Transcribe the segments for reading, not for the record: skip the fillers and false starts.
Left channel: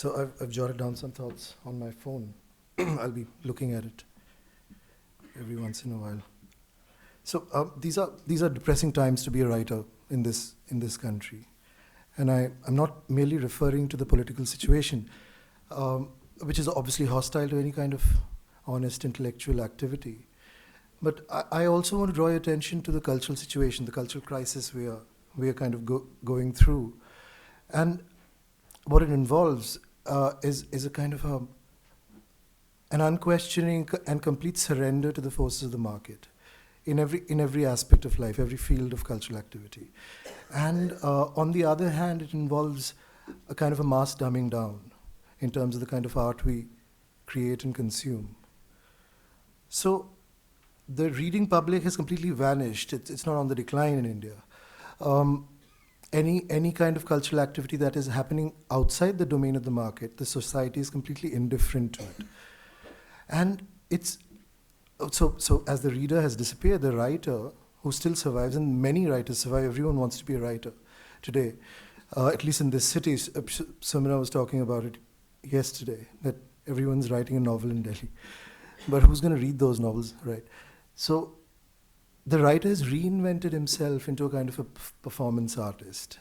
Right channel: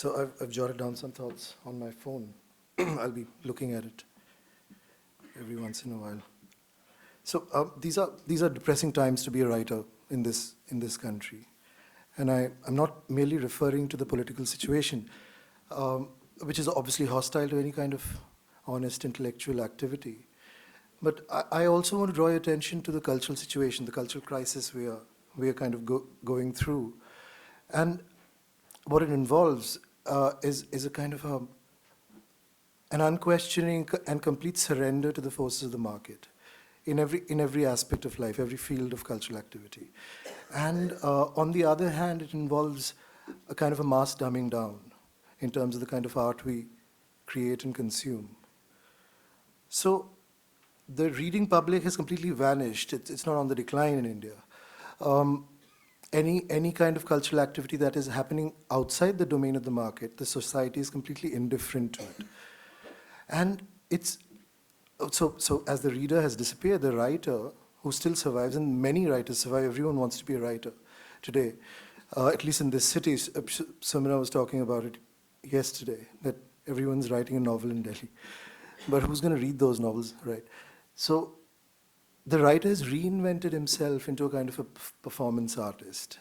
So I've jotted down some thoughts on my phone. I'll be looking at it every once in a while. So these are depressing times to be a writer in this country, and I'm not merely referring to the political situation, which is obviously hostile to any kind of honest intellectual activity. But I also want to draw your attention to the cultural situation, the cultural crisis we are kind of going through, and what it involves is a kind of an unquestioning and complete surrender to the forces of the market in every aspect of life, every field of cultural activity. And on the other hand, it involves a kind of a mass dumbing down in terms of the kind of art we create and consume. So the reading public has completely vanished. It's not on the decline in India. Any kind of cultural activity that is happening outside the domain of the market, the society is completely indifferent to it. And it's so as the reader has disappeared, the writer who still survives, and many writers survive, everyone wants to be a writer today, at least in this city. Samira was talking about it yesterday, that everyone's writing a novel in Delhi. But who's going to read those novels, right? So the writer has reinvented himself into a kind of a performance artist,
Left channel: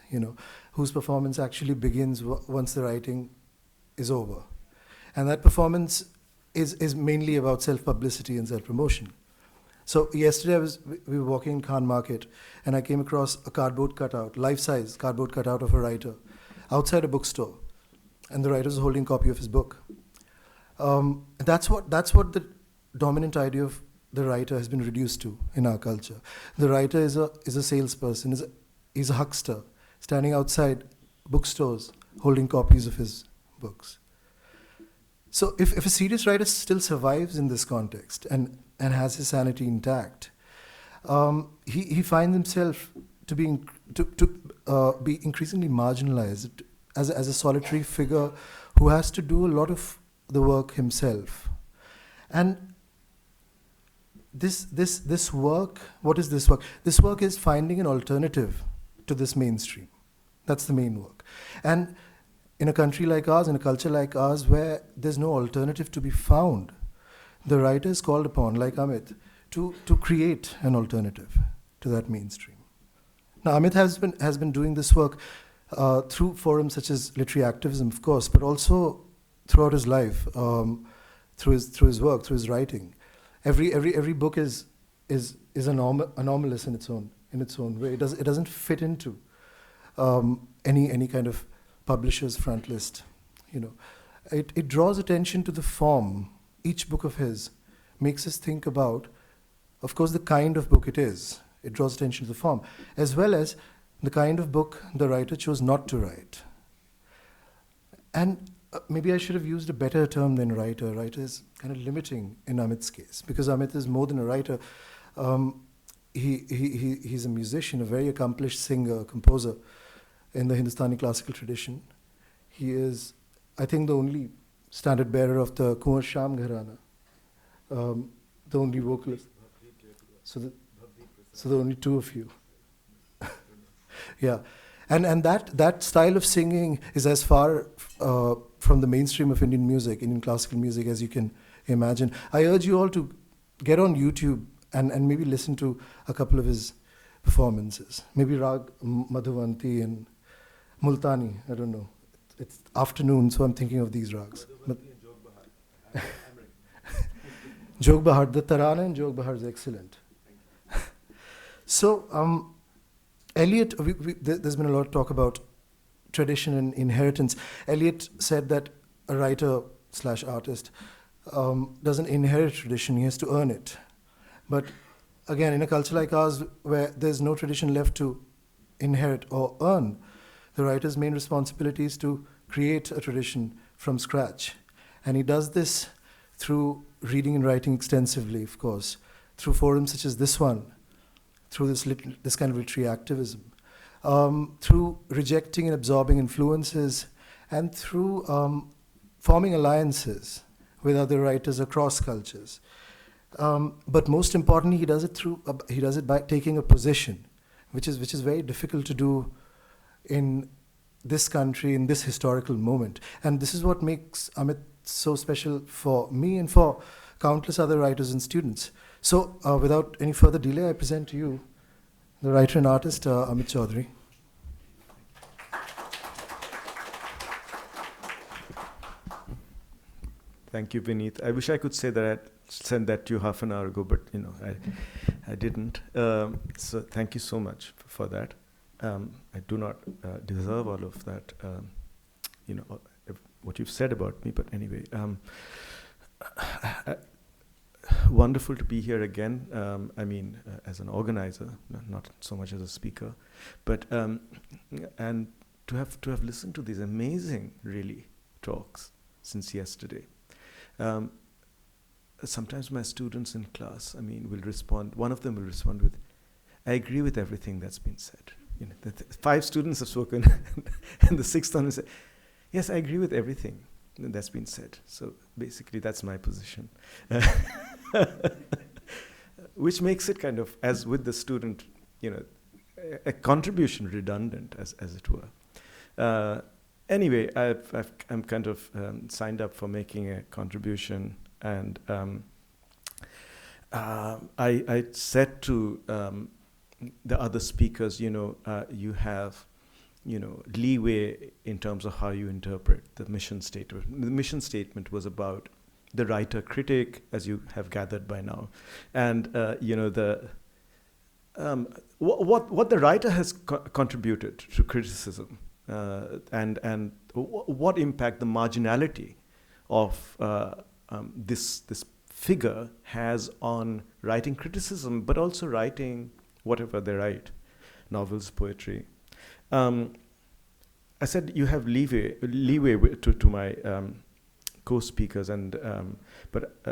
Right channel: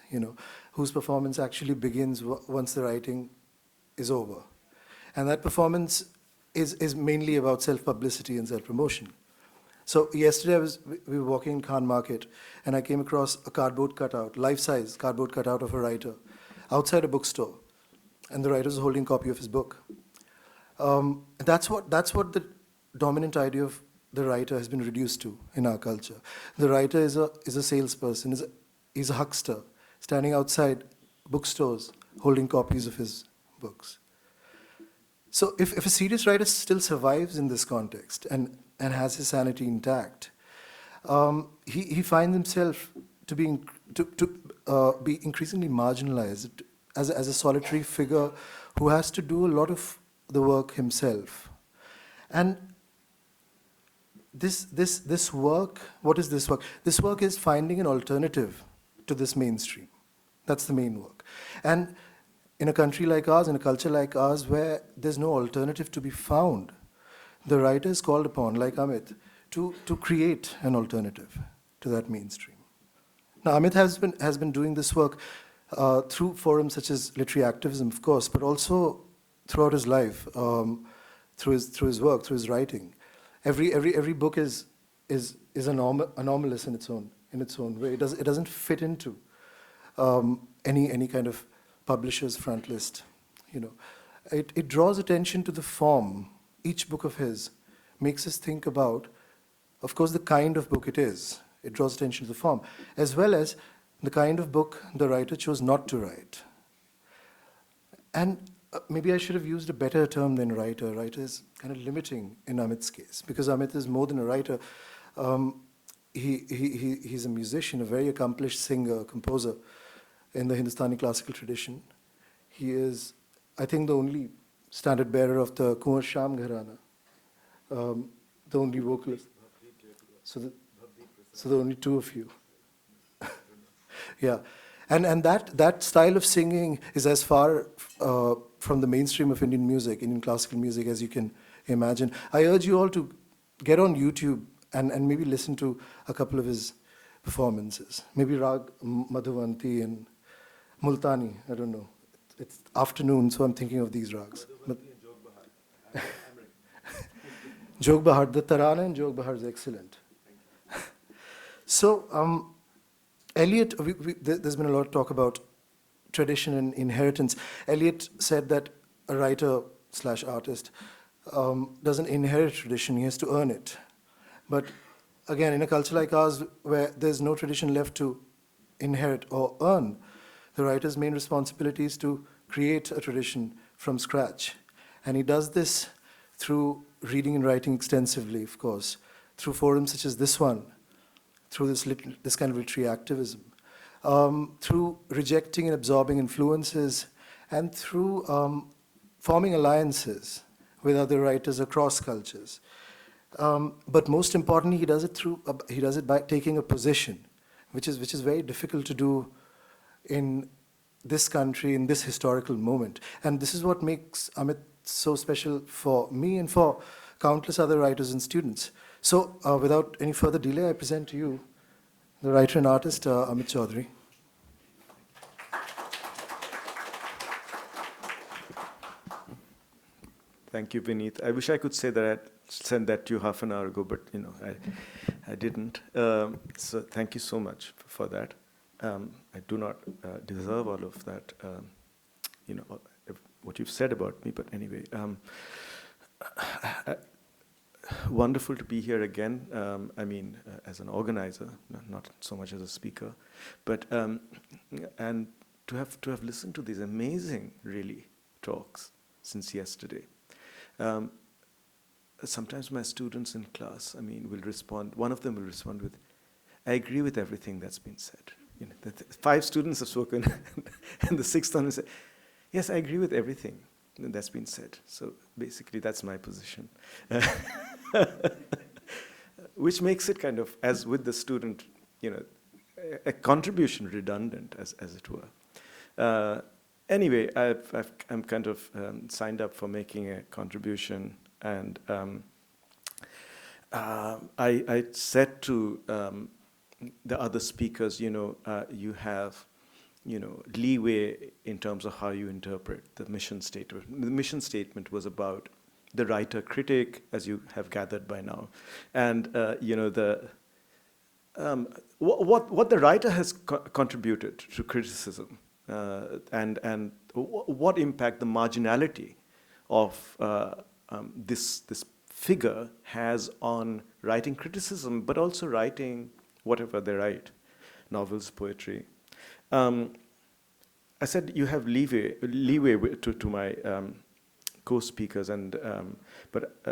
whose performance actually begins once the writing is over. And that performance is mainly about self-publicity and self-promotion. So yesterday we were walking in Khan Market, and I came across a cardboard cutout, life-size cardboard cutout of a writer outside a bookstore, and the writer was holding a copy of his book. That's what the dominant idea of the writer has been reduced to in our culture. The writer is a salesperson, he's a huckster, standing outside bookstores holding copies of his books. So if a serious writer still survives in this context and has his sanity intact, he finds himself to be increasingly marginalized as a solitary figure who has to do a lot of the work himself. And this work, what is this work? This work is finding an alternative to this mainstream. That's the main work. And in a country like ours, in a culture like ours, where there's no alternative to be found, the writer is called upon, like Amit, to create an alternative to that mainstream. Now, Amit has been doing this work through forums such as Literary Activism, of course, but also throughout his life, through his work, through his writing. Every book is anomalous in its own way. It doesn't fit into any kind of publisher's front list. It draws attention to the form. Each book of his makes us think about, of course, the kind of book it is. It draws attention to the form, as well as the kind of book the writer chose not to write. And maybe I should have used a better term than writer. Writer is kind of limiting in Amit's case, because Amit is more than a writer. He's a musician, a very accomplished singer, composer in the Hindustani classical tradition. He is, I think, the only standard bearer of the Kunwar Sham Gharana, the only vocalist. So there are only two of you. Yeah. And that style of singing is as far from the mainstream of Indian music, Indian classical music, as you can imagine. I urge you all to get on YouTube and maybe listen to a couple of his performances. Maybe Rag Madhuvanti and Multani, I don't know. It's afternoon, so I'm thinking of these rags. Jog Bahar, the Tarana in Jog Bahar is excellent. So, Eliot, there's been a lot of talk about tradition and inheritance. Eliot said that a writer/artist doesn't inherit tradition, he has to earn it. But again, in a culture like ours, where there's no tradition left to inherit or earn, the writer's main responsibility is to create a tradition from scratch. And he does this through reading and writing extensively, of course, through forums such as this one, through this kind of literary activism, through rejecting and absorbing influences, and through forming alliances with other writers across cultures. But most importantly, he does it by taking a position, which is very difficult to do in this country in this historical moment. And this is what makes Amit so special for me and for countless other writers and students. So without any further delay, I present to you the writer and artist, Amit Chaudhuri. Thank you, Vineet. I wish I could say that I'd sent that to you half an hour ago, but I didn't. So thank you so much for that. I do not deserve all of that, what you've said about me. But anyway, wonderful to be here again. As an organizer, not so much as a speaker, but and to have listened to these amazing, really, talks since yesterday. Sometimes my students in class, will respond. One of them will respond with, "I agree with everything that's been said." The 5 students have spoken, and the 6th one will say, "Yes, I agree with everything that's been said." So basically, that's my position, which makes it kind of, as with the student, a contribution redundant, as it were. Anyway, I'm kind of signed up for making a contribution, and I said to the other speakers, you have, leeway in terms of how you interpret the mission statement. The mission statement was about the writer-critic, as you have gathered by now, and what the writer has contributed to criticism. And what impact the marginality of this figure has on writing criticism, but also writing whatever they write, novels, poetry. I said you have leeway to my co-speakers, and but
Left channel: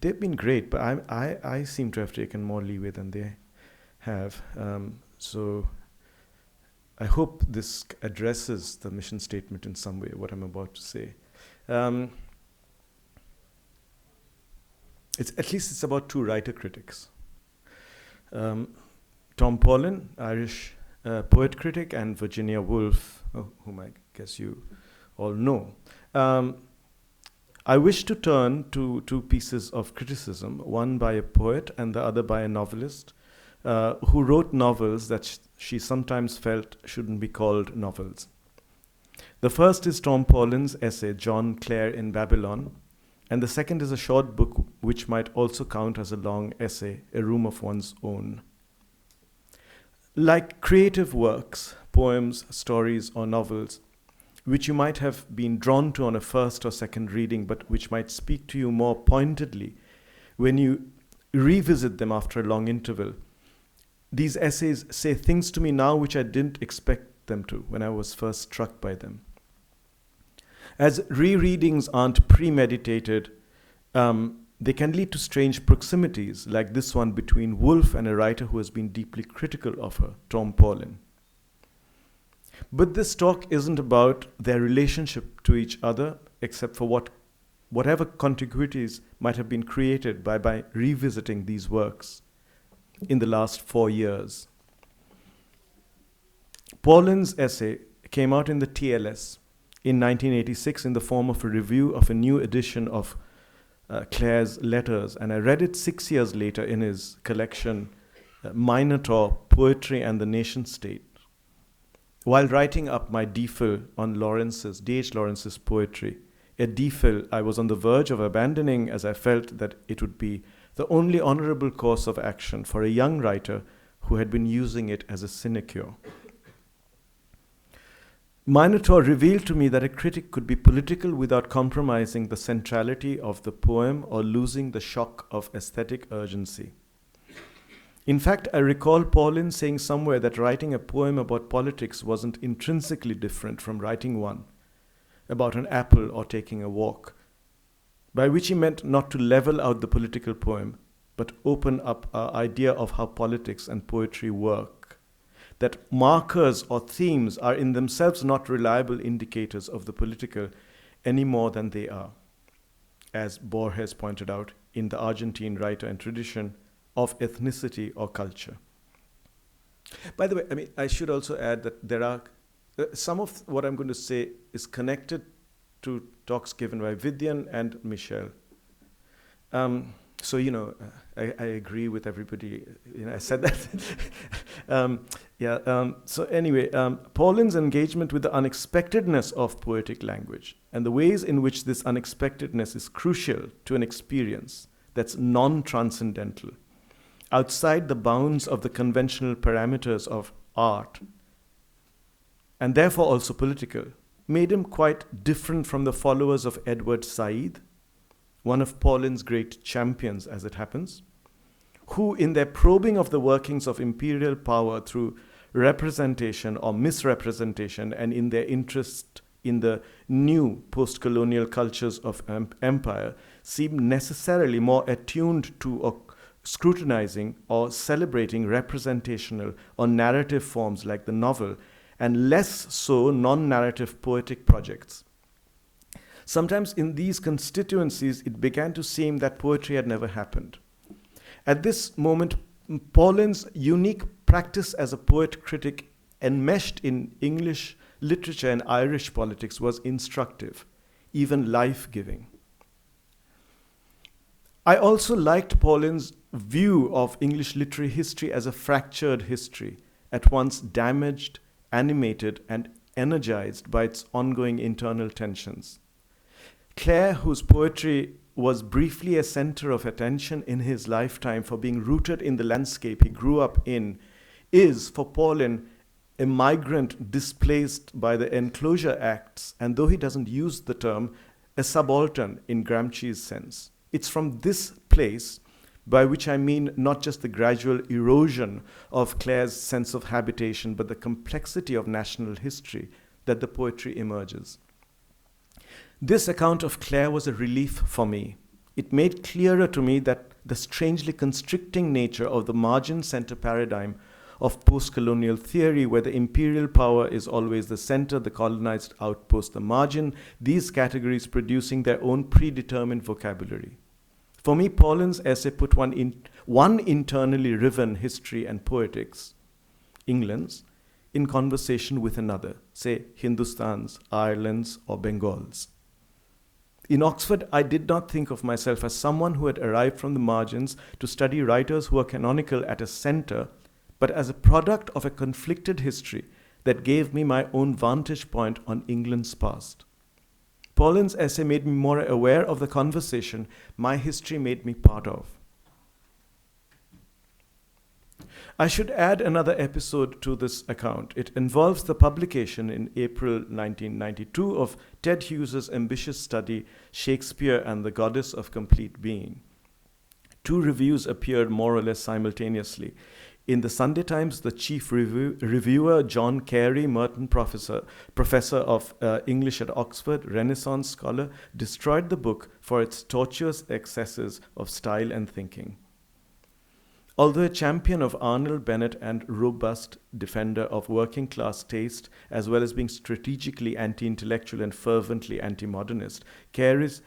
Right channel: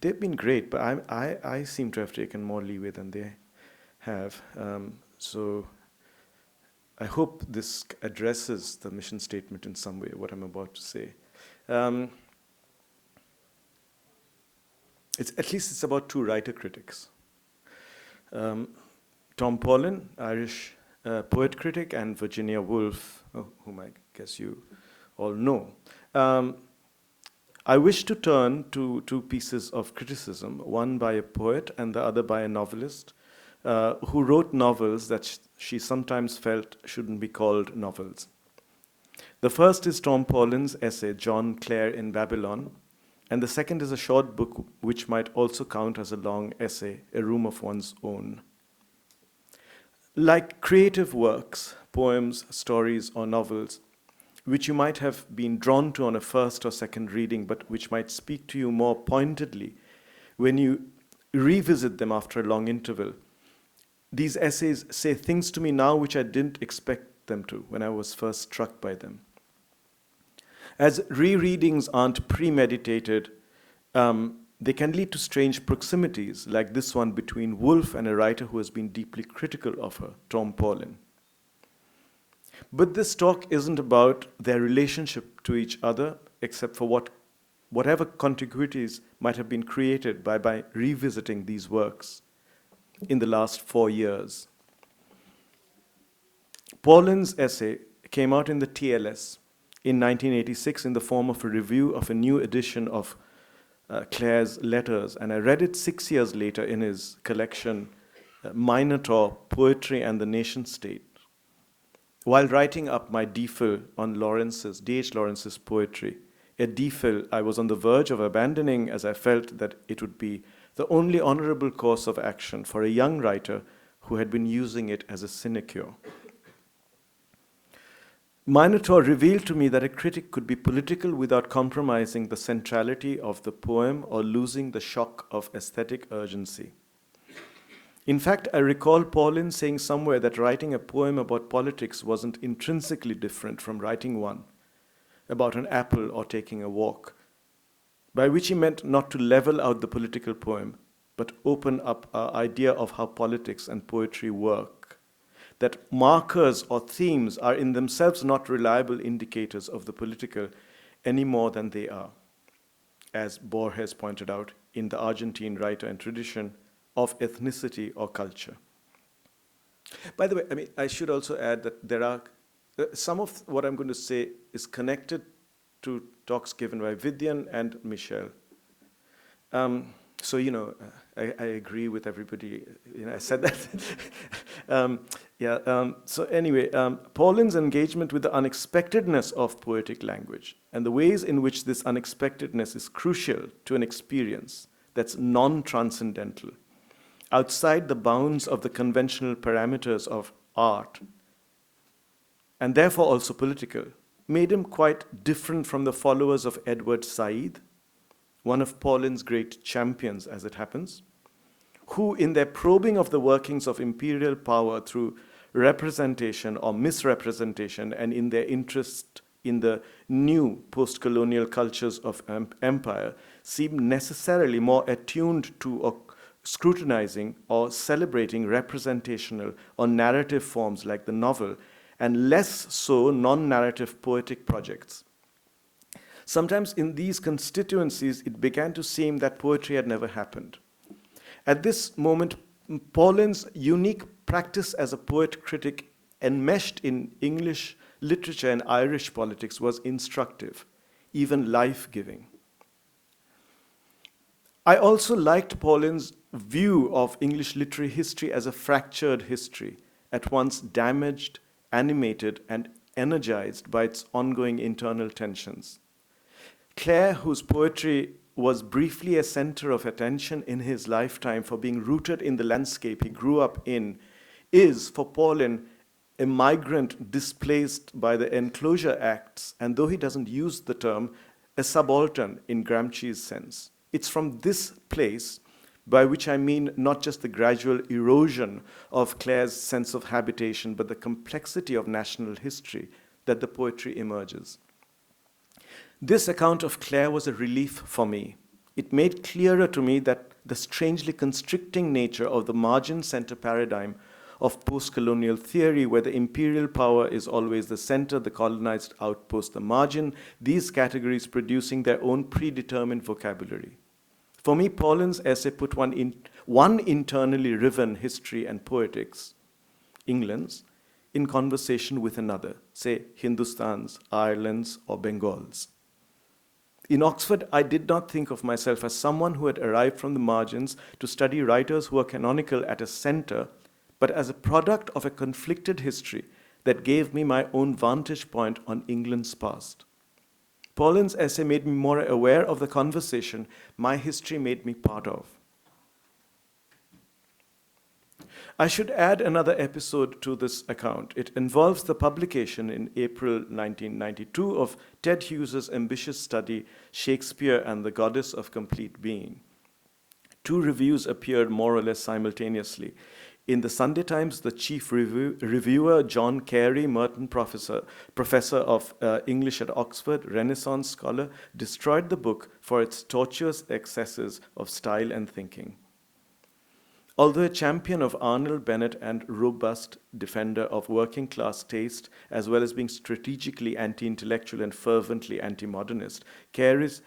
they've been great. But I seem to have taken more leeway than they have. So I hope this addresses the mission statement in some way, what I'm about to say. It's about 2 writer critics. Tom Paulin, Irish poet critic, and Virginia Woolf, whom I guess you all know. I wish to turn to 2 pieces of criticism, one by a poet and the other by a novelist, who wrote novels that she sometimes felt shouldn't be called novels. The first is Tom Paulin's essay, John Clare in Babylon, and the second is a short book which might also count as a long essay, A Room of One's Own. Like creative works, poems, stories, or novels, which you might have been drawn to on a first or second reading, but which might speak to you more pointedly when you revisit them after a long interval, these essays say things to me now which I didn't expect them to when I was first struck by them. As rereadings aren't premeditated, they can lead to strange proximities, like this one between Woolf and a writer who has been deeply critical of her, Tom Paulin. But this talk isn't about their relationship to each other, except for whatever contiguities might have been created by revisiting these works in the last 4 years. Paulin's essay came out in the TLS in 1986 in the form of a review of a new edition of Clare's letters, and I read it 6 years later in his collection, Minotaur, Poetry and the Nation State. While writing up my DPhil on D.H. Lawrence's poetry, a DPhil I was on the verge of abandoning as I felt that it would be the only honorable course of action for a young writer who had been using it as a sinecure. Minotaur revealed to me that a critic could be political without compromising the centrality of the poem or losing the shock of aesthetic urgency. In fact, I recall Paulin saying somewhere that writing a poem about politics wasn't intrinsically different from writing one about an apple or taking a walk, by which he meant not to level out the political poem, but open up our idea of how politics and poetry work, that markers or themes are in themselves not reliable indicators of the political any more than they are, as Borges pointed out in the Argentine writer and tradition of ethnicity or culture. By the way, I should also add that there are some of what I'm going to say is connected to talks given by Vidyan and Michelle. So, I agree with everybody. I said that. So anyway, Paulin's engagement with the unexpectedness of poetic language and the ways in which this unexpectedness is crucial to an experience that's non-transcendental, outside the bounds of the conventional parameters of art, and therefore also political, made him quite different from the followers of Edward Said, one of Paulin's great champions, as it happens, who, in their probing of the workings of imperial power through representation or misrepresentation, and in their interest in the new post-colonial cultures of empire, seem necessarily more attuned to or scrutinizing or celebrating representational or narrative forms like the novel, and less so non-narrative poetic projects. Sometimes in these constituencies, it began to seem that poetry had never happened. At this moment, Paulin's unique practice as a poet-critic enmeshed in English literature and Irish politics was instructive, even life-giving. I also liked Paulin's view of English literary history as a fractured history, at once damaged, animated, and energized by its ongoing internal tensions. Clare, whose poetry was briefly a center of attention in his lifetime for being rooted in the landscape he grew up in, is, for Paulin, a migrant displaced by the Enclosure Acts, and though he doesn't use the term, a subaltern in Gramsci's sense. It's from this place, by which I mean not just the gradual erosion of Clare's sense of habitation, but the complexity of national history, that the poetry emerges. This account of Clare was a relief for me. It made clearer to me that the strangely constricting nature of the margin-center paradigm of post-colonial theory, where the imperial power is always the center, the colonized outpost the margin, these categories producing their own predetermined vocabulary. For me, Paulin's essay put one internally riven history and poetics, England's, in conversation with another, say Hindustan's, Ireland's, or Bengal's. In Oxford, I did not think of myself as someone who had arrived from the margins to study writers who are canonical at a center, but as a product of a conflicted history that gave me my own vantage point on England's past. Paulin's essay made me more aware of the conversation my history made me part of. I should add another episode to this account. It involves the publication in April 1992 of Ted Hughes's ambitious study, Shakespeare and the Goddess of Complete Being. Two reviews appeared more or less simultaneously. In the Sunday Times, the chief reviewer, John Carey, Merton professor of English at Oxford, Renaissance scholar, destroyed the book for its tortuous excesses of style and thinking. Although a champion of Arnold Bennett and robust defender of working-class taste, as well as being strategically anti-intellectual and fervently anti-modernist, Carey's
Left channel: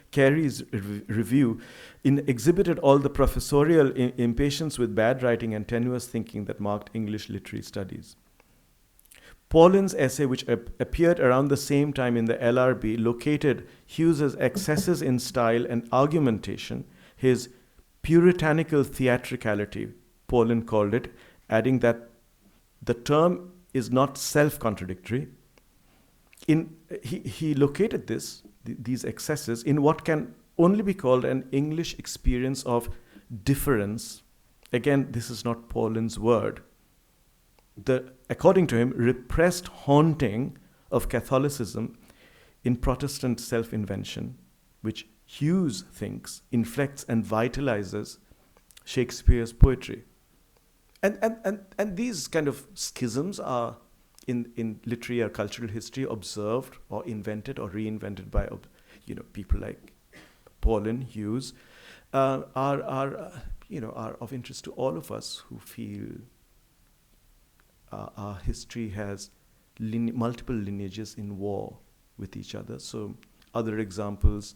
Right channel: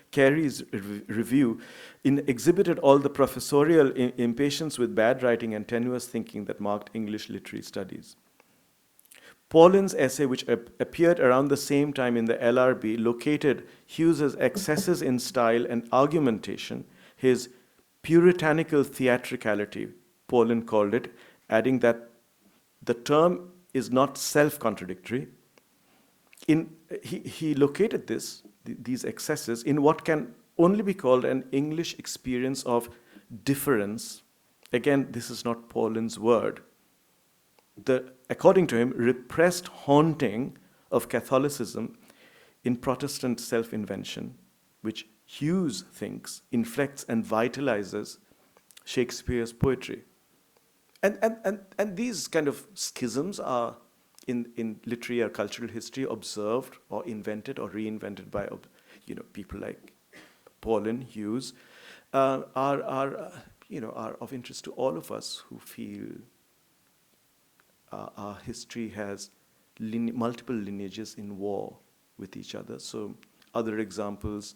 review exhibited all the professorial impatience with bad writing and tenuous thinking that marked English literary studies. Paulin's essay, which appeared around the same time in the LRB, located Hughes's excesses in style and argumentation, his puritanical theatricality, Paulin called it, adding that the term is not self-contradictory. He located these excesses in what can only be called an English experience of difference. Again, this is not Paulin's word. According to him, repressed haunting of Catholicism in Protestant self-invention, which Hughes thinks inflects and vitalizes Shakespeare's poetry. And these kind of schisms are in literary or cultural history observed or invented or reinvented by people like Paulin, Hughes, are of interest to all of us who feel our history has multiple lineages in war with each other. So other examples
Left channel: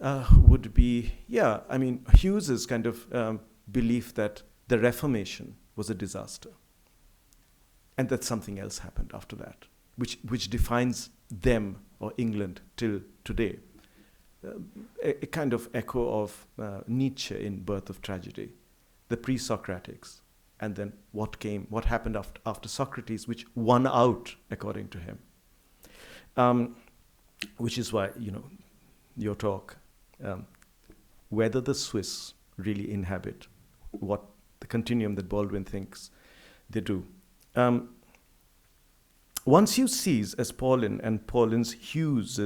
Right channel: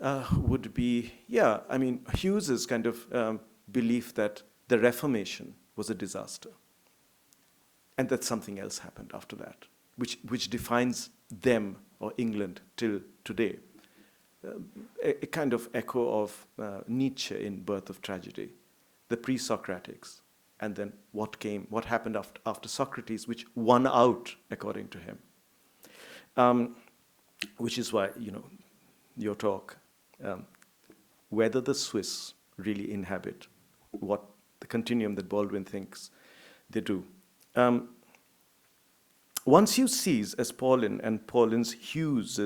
would be, Hughes's kind of belief that the Reformation was a disaster and that something else happened after that, which defines them or England till today. A kind of echo of Nietzsche in Birth of Tragedy, the pre-Socratics, and then what happened after Socrates, which won out, according to him. Which is why, your talk, whether the Swiss really inhabit what the continuum that Baldwin thinks they do. Once you cease, as Paulin and Paulin's Hughes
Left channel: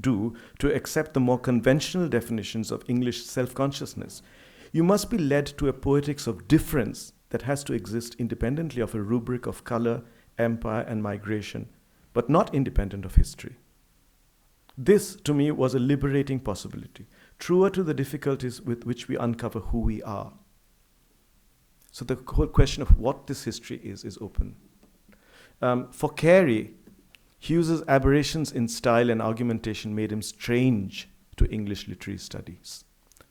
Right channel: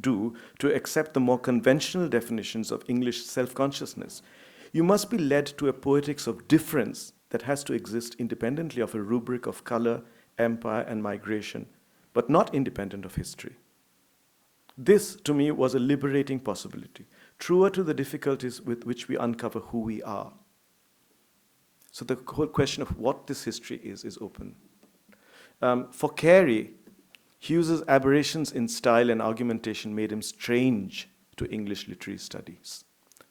do, to accept the more conventional definitions of English self-consciousness, you must be led to a poetics of difference that has to exist independently of a rubric of color, empire, and migration, but not independent of history. This, to me, was a liberating possibility, truer to the difficulties with which we uncover who we are. So the whole question of what this history is open. For Carey, Hughes's aberrations in style and argumentation made him strange to English literary studies.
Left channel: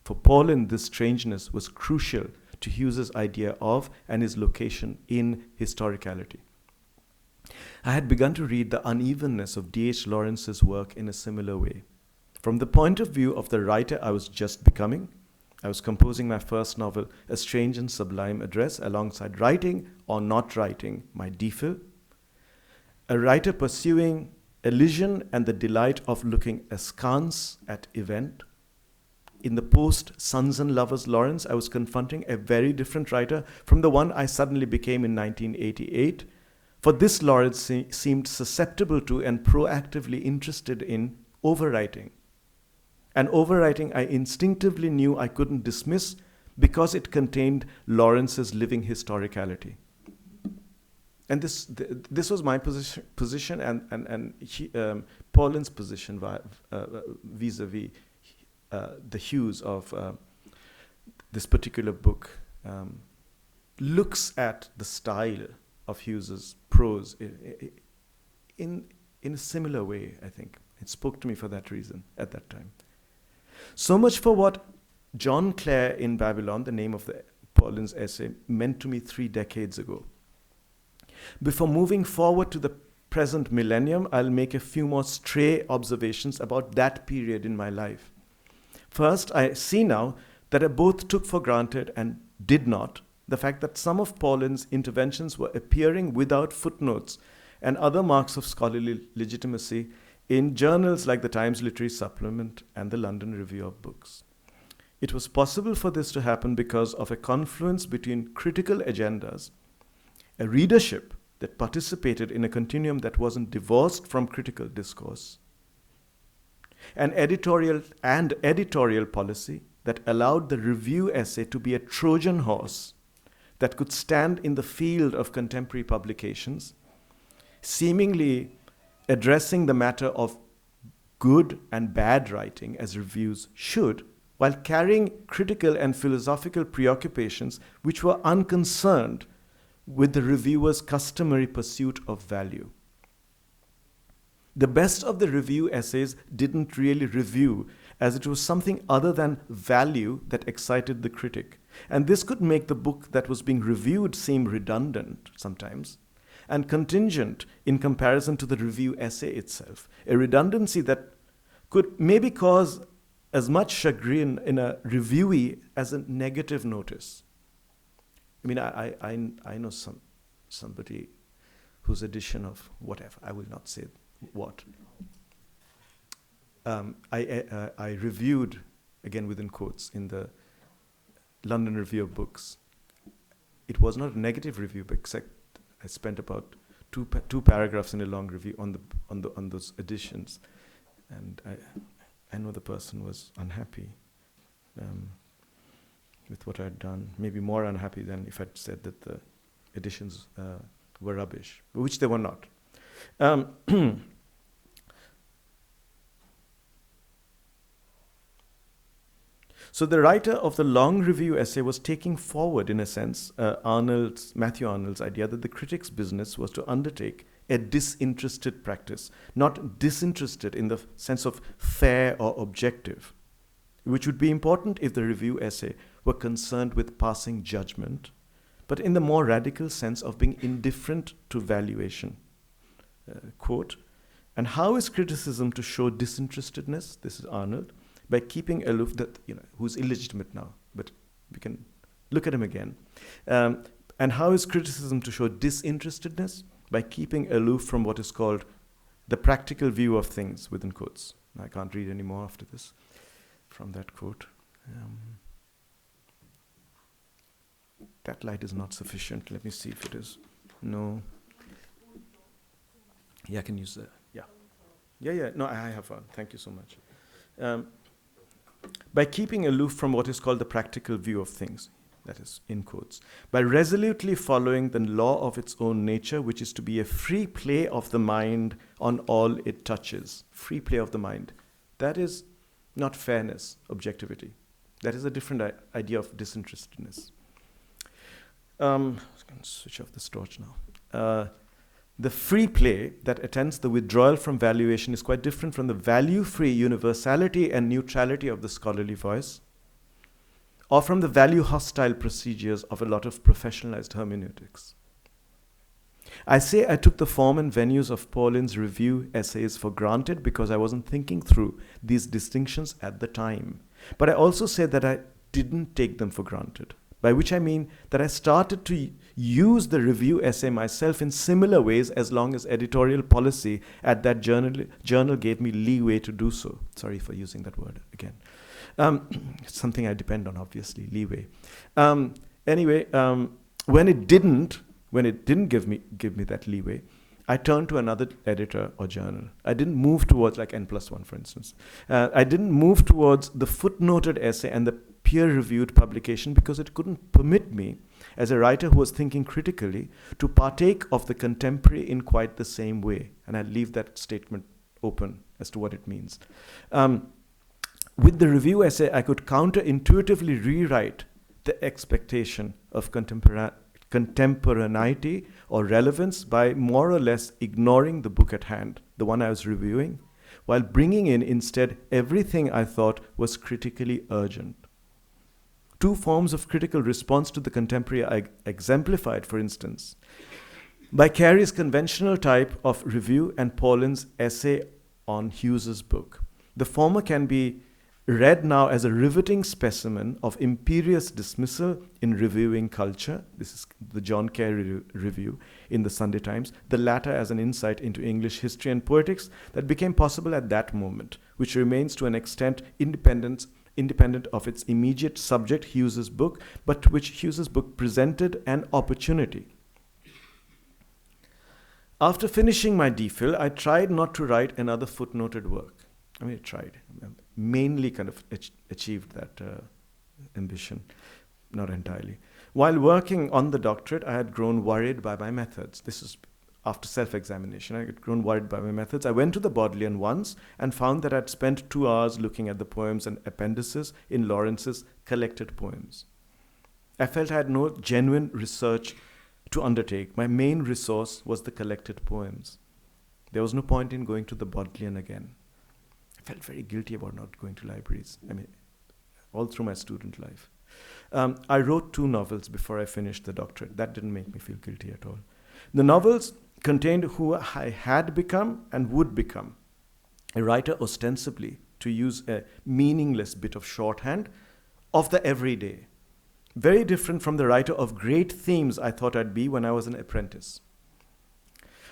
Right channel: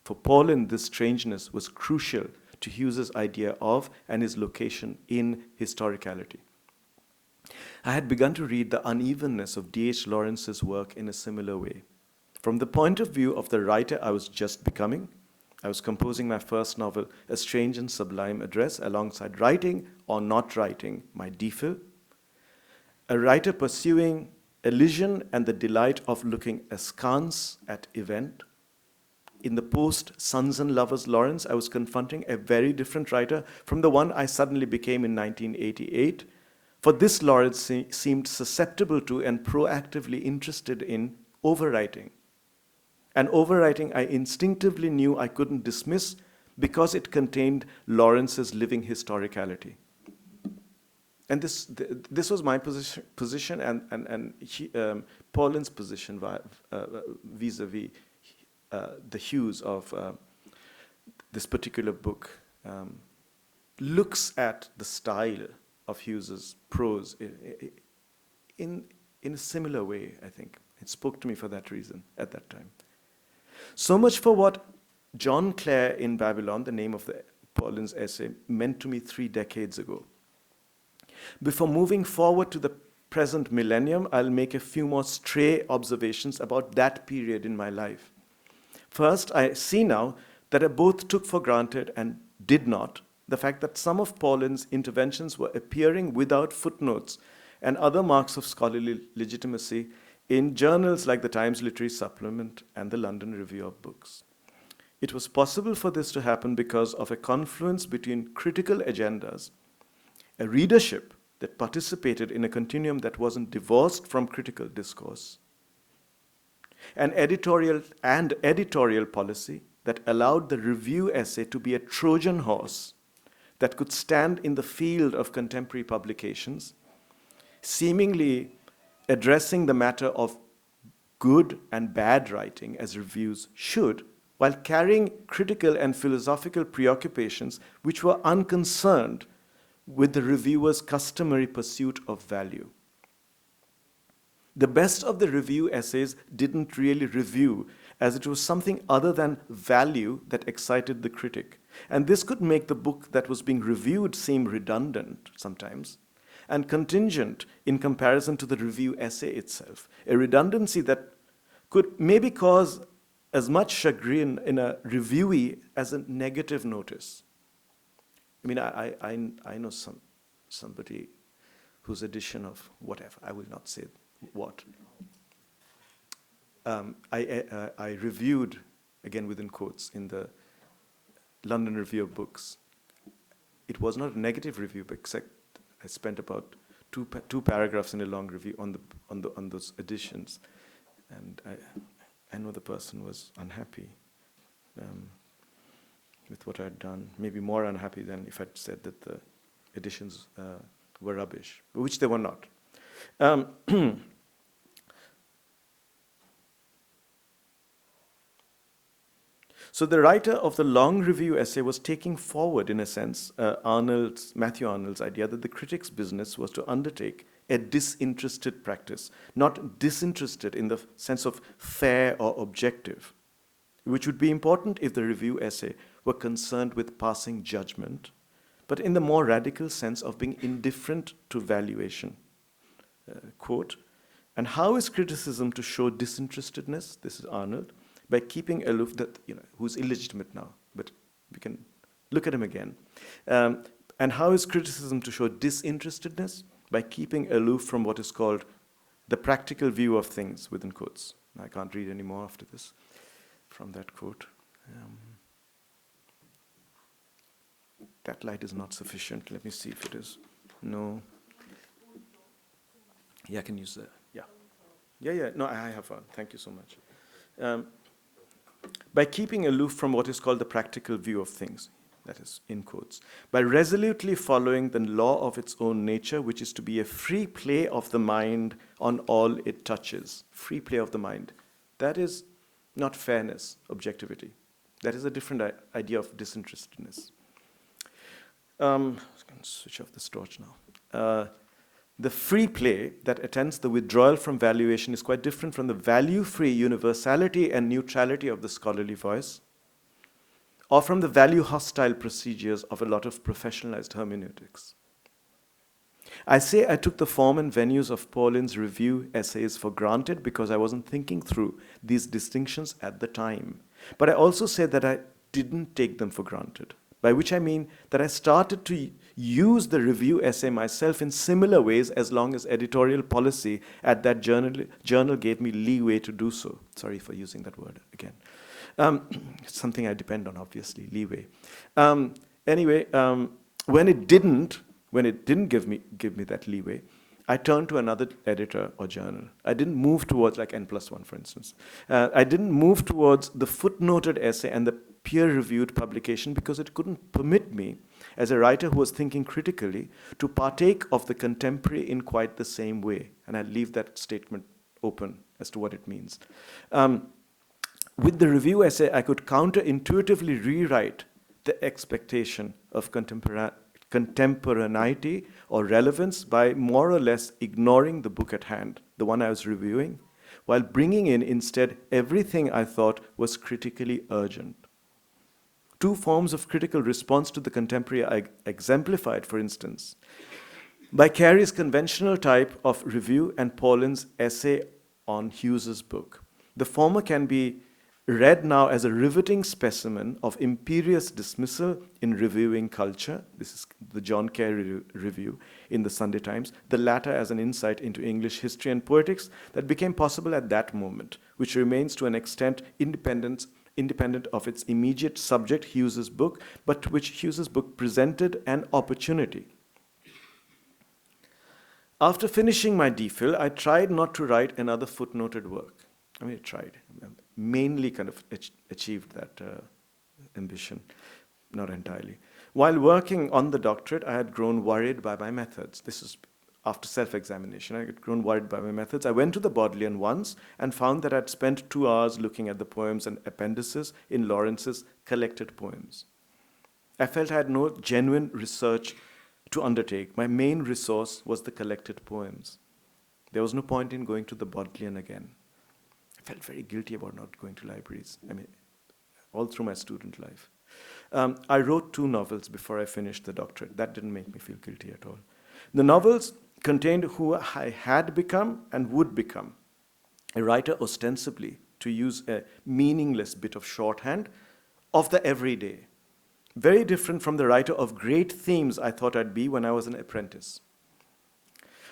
For Paulin, this strangeness was crucial to Hughes's idea of and his location in historicality. I had begun to read the unevenness of D.H. Lawrence's work in a similar way. From the point of view of the writer I was just becoming, I was composing my first novel, A Strange and Sublime Address, alongside writing or not writing my DPhil, a writer pursuing elision and the delight of looking askance at event. In the post-Sons and Lovers Lawrence, I was confronting a very different writer from the one I suddenly became in 1988. For this Lawrence seemed susceptible to and proactively interested in overwriting. And overwriting I instinctively knew I couldn't dismiss because it contained Lawrence's living historicality. And this was my position and Paulin's position vis-a-vis the Hughes of this particular book. Looks at the style of Hughes's prose in a similar way, I think. It spoke to me for that reason at that time. So much for what John Clare in Babylon, the name of Paulin's essay, meant to me 3 decades ago. Before moving forward to the present millennium, I'll make a few more stray observations about that period in my life. First, I see now that I both took for granted and did not the fact that some of Paulin's interventions were appearing without footnotes and other marks of scholarly legitimacy in journals like the Times Literary Supplement and the London Review of Books. It was possible for this to happen because of a confluence between critical agendas, a readership that participated in a continuum that wasn't divorced from critical discourse, an editorial policy that allowed the review essay to be a Trojan horse that could stand in the field of contemporary publications, seemingly addressing the matter of good and bad writing as reviews should, while carrying critical and philosophical preoccupations which were unconcerned with the reviewer's customary pursuit of value. The best of the review essays didn't really review, as it was something other than value that excited the critic. And this could make the book that was being reviewed seem redundant sometimes, and contingent in comparison to the review essay itself, a redundancy that could maybe cause as much chagrin in a reviewee as a negative notice. I mean, I know somebody whose edition of whatever, I will not say what. I reviewed, again within quotes, in the London Review of Books. It was not a negative review, but except I spent about two paragraphs in a long review on those editions, and I know the person was unhappy with what I'd done, maybe more unhappy than if I'd said that the editions were rubbish, which they were not. So the writer of the long review essay was taking forward, in a sense, Matthew Arnold's idea that the critic's business was to undertake a disinterested practice, not disinterested in the sense of fair or objective, which would be important if the review essay were concerned with passing judgment, but in the more radical sense of being indifferent to valuation. quote. And how is criticism to show disinterestedness? This is Arnold. By keeping aloof, that, who's illegitimate now, but we can look at him again. And how is criticism to show disinterestedness? By keeping aloof from what is called the practical view of things, within quotes. I can't read any more after this from that quote. That light is not sufficient. Let me see if it is. No. Yeah, I can use that. Yeah. No, I have one. Thank you so much. By keeping aloof from what is called the practical view of things, that is, in quotes, by resolutely following the law of its own nature, which is to be a free play of the mind on all it touches. Free play of the mind. That is not fairness, objectivity. That is a different idea of disinterestedness. I can switch off this torch now. The free play that attends the withdrawal from valuation is quite different from the value-free universality and neutrality of the scholarly voice, or from the value-hostile procedures of a lot of professionalized hermeneutics. I say I took the form and venues of Paulin's review essays for granted because I wasn't thinking through these distinctions at the time. But I also say that I didn't take them for granted, by which I mean that I started to use the review essay myself in similar ways as long as editorial policy at that journal gave me leeway to do so. Sorry for using that word again. It's something I depend on, obviously, leeway. Anyway, when it didn't give me that leeway, I turned to another editor or journal. I didn't move towards, like N+1, for instance. I didn't move towards the footnoted essay and the peer-reviewed publication because it couldn't permit me, as a writer who was thinking critically, to partake of the contemporary in quite the same way. And I leave that statement open as to what it means. With the review essay, I could counterintuitively rewrite the expectation of contemporaneity or relevance by more or less ignoring the book at hand, the one I was reviewing, while bringing in instead everything I thought was critically urgent. Two forms of critical response to the contemporary are exemplified, for instance, by Carey's conventional type of review and Paulin's essay on Hughes's book. The former can be read now as a riveting specimen of imperious dismissal in reviewing culture. This is the John Carey review in the Sunday Times. The latter as an insight into English history and poetics that became possible at that moment, which remains to an extent independent of its immediate subject, Hughes's book, but to which Hughes's book presented an opportunity. After finishing my DPhil, I tried not to write another footnoted work. I tried. Mainly kind of achieved that ambition, not entirely. While working on the doctorate, I had grown worried by my methods. This is after self-examination. I had grown worried by my methods. I went to the Bodleian once and found that I'd spent 2 hours looking at the poems and appendices in Lawrence's collected poems. I felt I had no genuine research to undertake. My main resource was the collected poems. There was no point in going to the Bodleian again. I felt very guilty about not going to libraries. All through my student life. I wrote 2 novels before I finished the doctorate. That didn't make me feel guilty at all. The novels contained who I had become and would become. A writer ostensibly, to use a meaningless bit of shorthand, of the everyday. Very different from the writer of great themes I thought I'd be when I was an apprentice.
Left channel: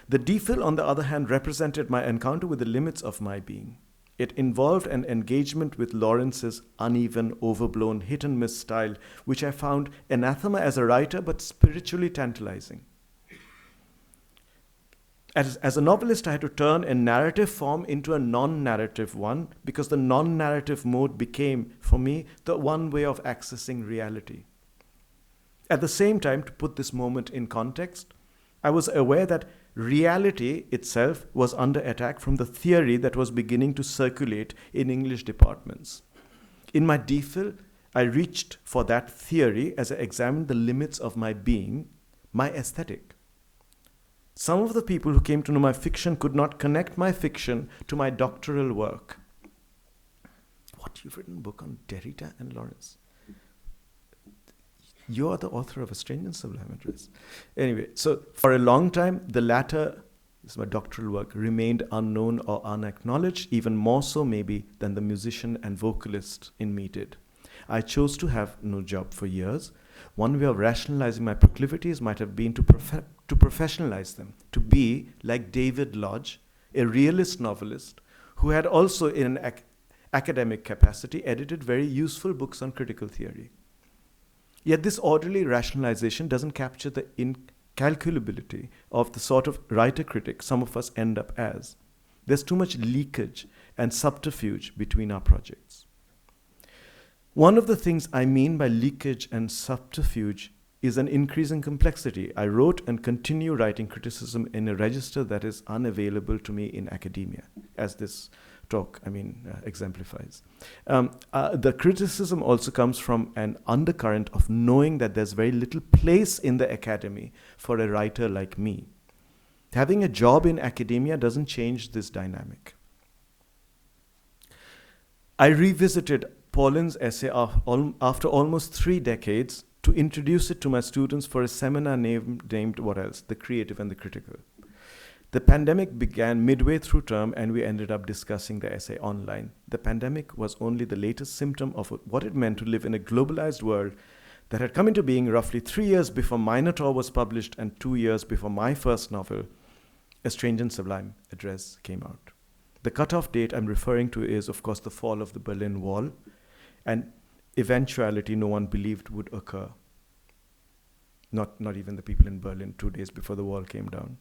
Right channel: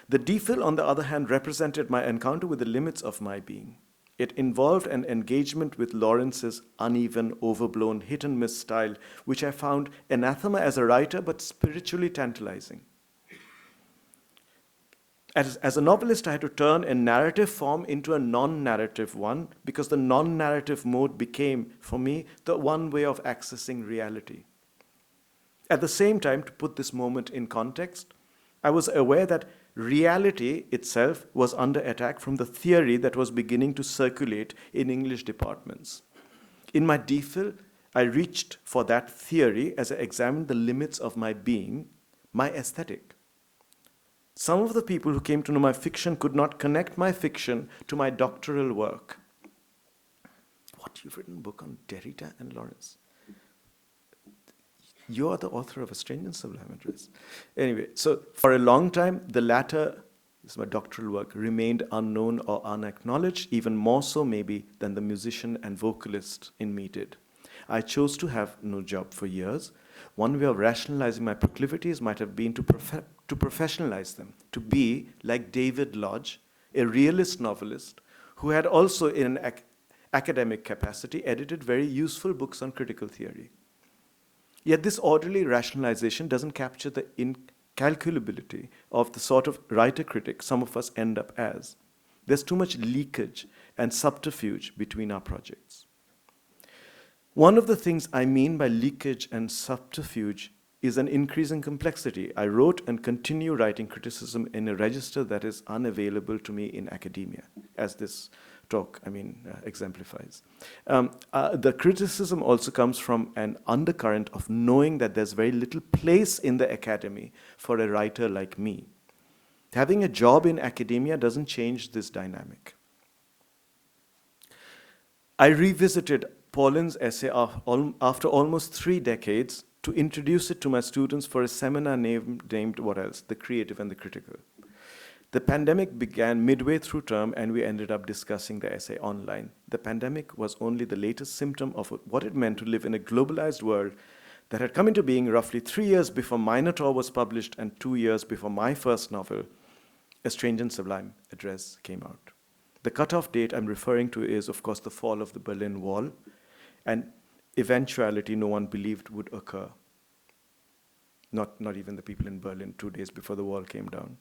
The DPhil, on the other hand, represented my encounter with the limits of my being. It involved an engagement with Lawrence's uneven, overblown, hit-and-miss style, which I found anathema as a writer, but spiritually tantalizing. As a novelist, I had to turn a narrative form into a non-narrative one, because the non-narrative mode became, for me, the one way of accessing reality. At the same time, to put this moment in context, I was aware that reality itself was under attack from the theory that was beginning to circulate in English departments. In my DPhil, I reached for that theory as I examined the limits of my being, my aesthetic. Some of the people who came to know my fiction could not connect my fiction to my doctoral work. What, you've written a book on Derrida and Lawrence? You are the author of A Strange and Sublime Address. Anyway, so for a long time, the latter this is my doctoral work, remained unknown or unacknowledged, even more so maybe than the musician and vocalist in me did. I chose to have no job for years. One way of rationalizing my proclivities might have been to professionalize them, to be like David Lodge, a realist novelist who had also, in an academic capacity, edited very useful books on critical theory. Yet this orderly rationalization doesn't capture the incalculability of the sort of writer-critic some of us end up as. There's too much leakage and subterfuge between our projects. One of the things I mean by leakage and subterfuge is an increasing complexity. I wrote and continue writing criticism in a register that is unavailable to me in academia, as this talk, exemplifies. The criticism also comes from an undercurrent of knowing that there's very little place in the academy for a writer like me. Having a job in academia doesn't change this dynamic. I revisited Paulin's essay after almost 3 decades to introduce it to my students for a seminar named what else? The Creative and the Critical. The pandemic began midway through term and we ended up discussing the essay online. The pandemic was only the latest symptom of what it meant to live in a globalized world that had come into being roughly 3 years before Minotaur was published and 2 years before my first novel, A Strange and Sublime Address, came out. The cutoff date I'm referring to is, of course, the fall of the Berlin Wall, an eventuality no one believed would occur. Not even the people in Berlin 2 days before the wall came down.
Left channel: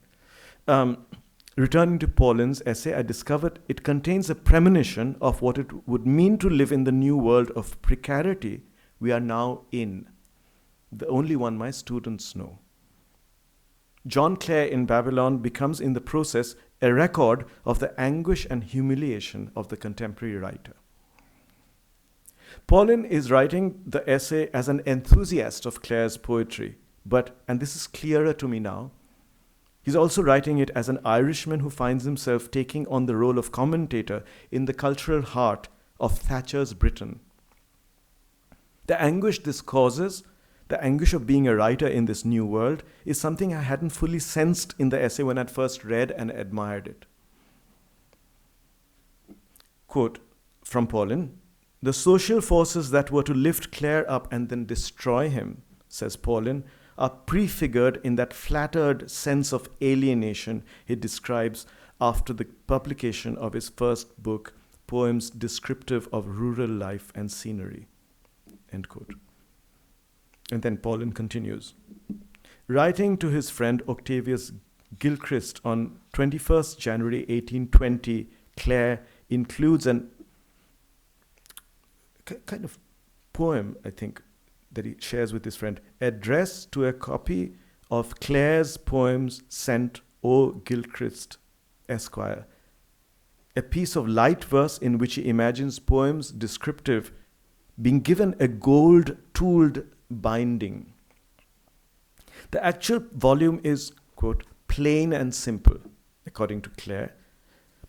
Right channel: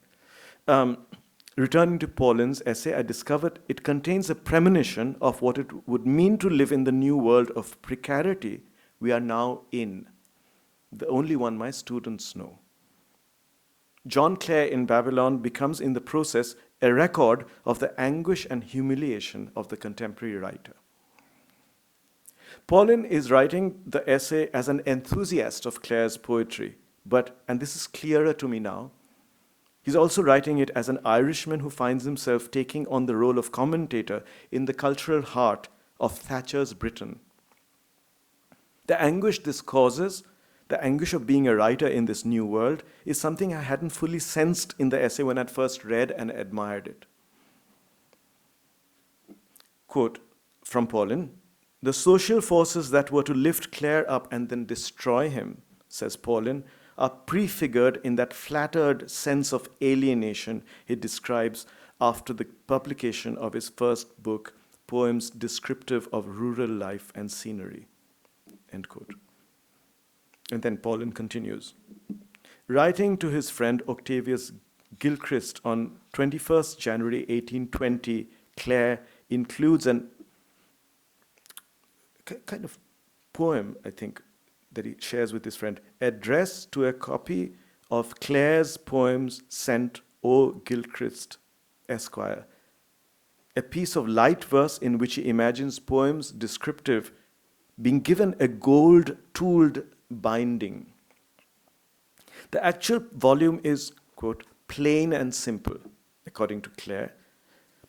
Returning to Paulin's essay, I discovered it contains a premonition of what it would mean to live in the new world of precarity we are now in, the only one my students know. John Clare in Babylon becomes in the process a record of the anguish and humiliation of the contemporary writer. Paulin is writing the essay as an enthusiast of Clare's poetry, but, and this is clearer to me now, he's also writing it as an Irishman who finds himself taking on the role of commentator in the cultural heart of Thatcher's Britain. The anguish this causes, the anguish of being a writer in this new world, is something I hadn't fully sensed in the essay when I'd first read and admired it. Quote from Paulin, "The social forces that were to lift Clare up and then destroy him," says Paulin, "are prefigured in that flattered sense of alienation he describes after the publication of his first book, Poems Descriptive of Rural Life and Scenery." End quote. And then Paulin continues. Writing to his friend Octavius Gilchrist on 21st January 1820, Clare includes an kind of poem, I think, that he shares with his friend, addressed to a copy of Clare's poems sent O. Gilchrist, Esquire, a piece of light verse in which he imagines poems descriptive being given a gold-tooled binding. The actual volume is, quote, plain and simple, according to Clare,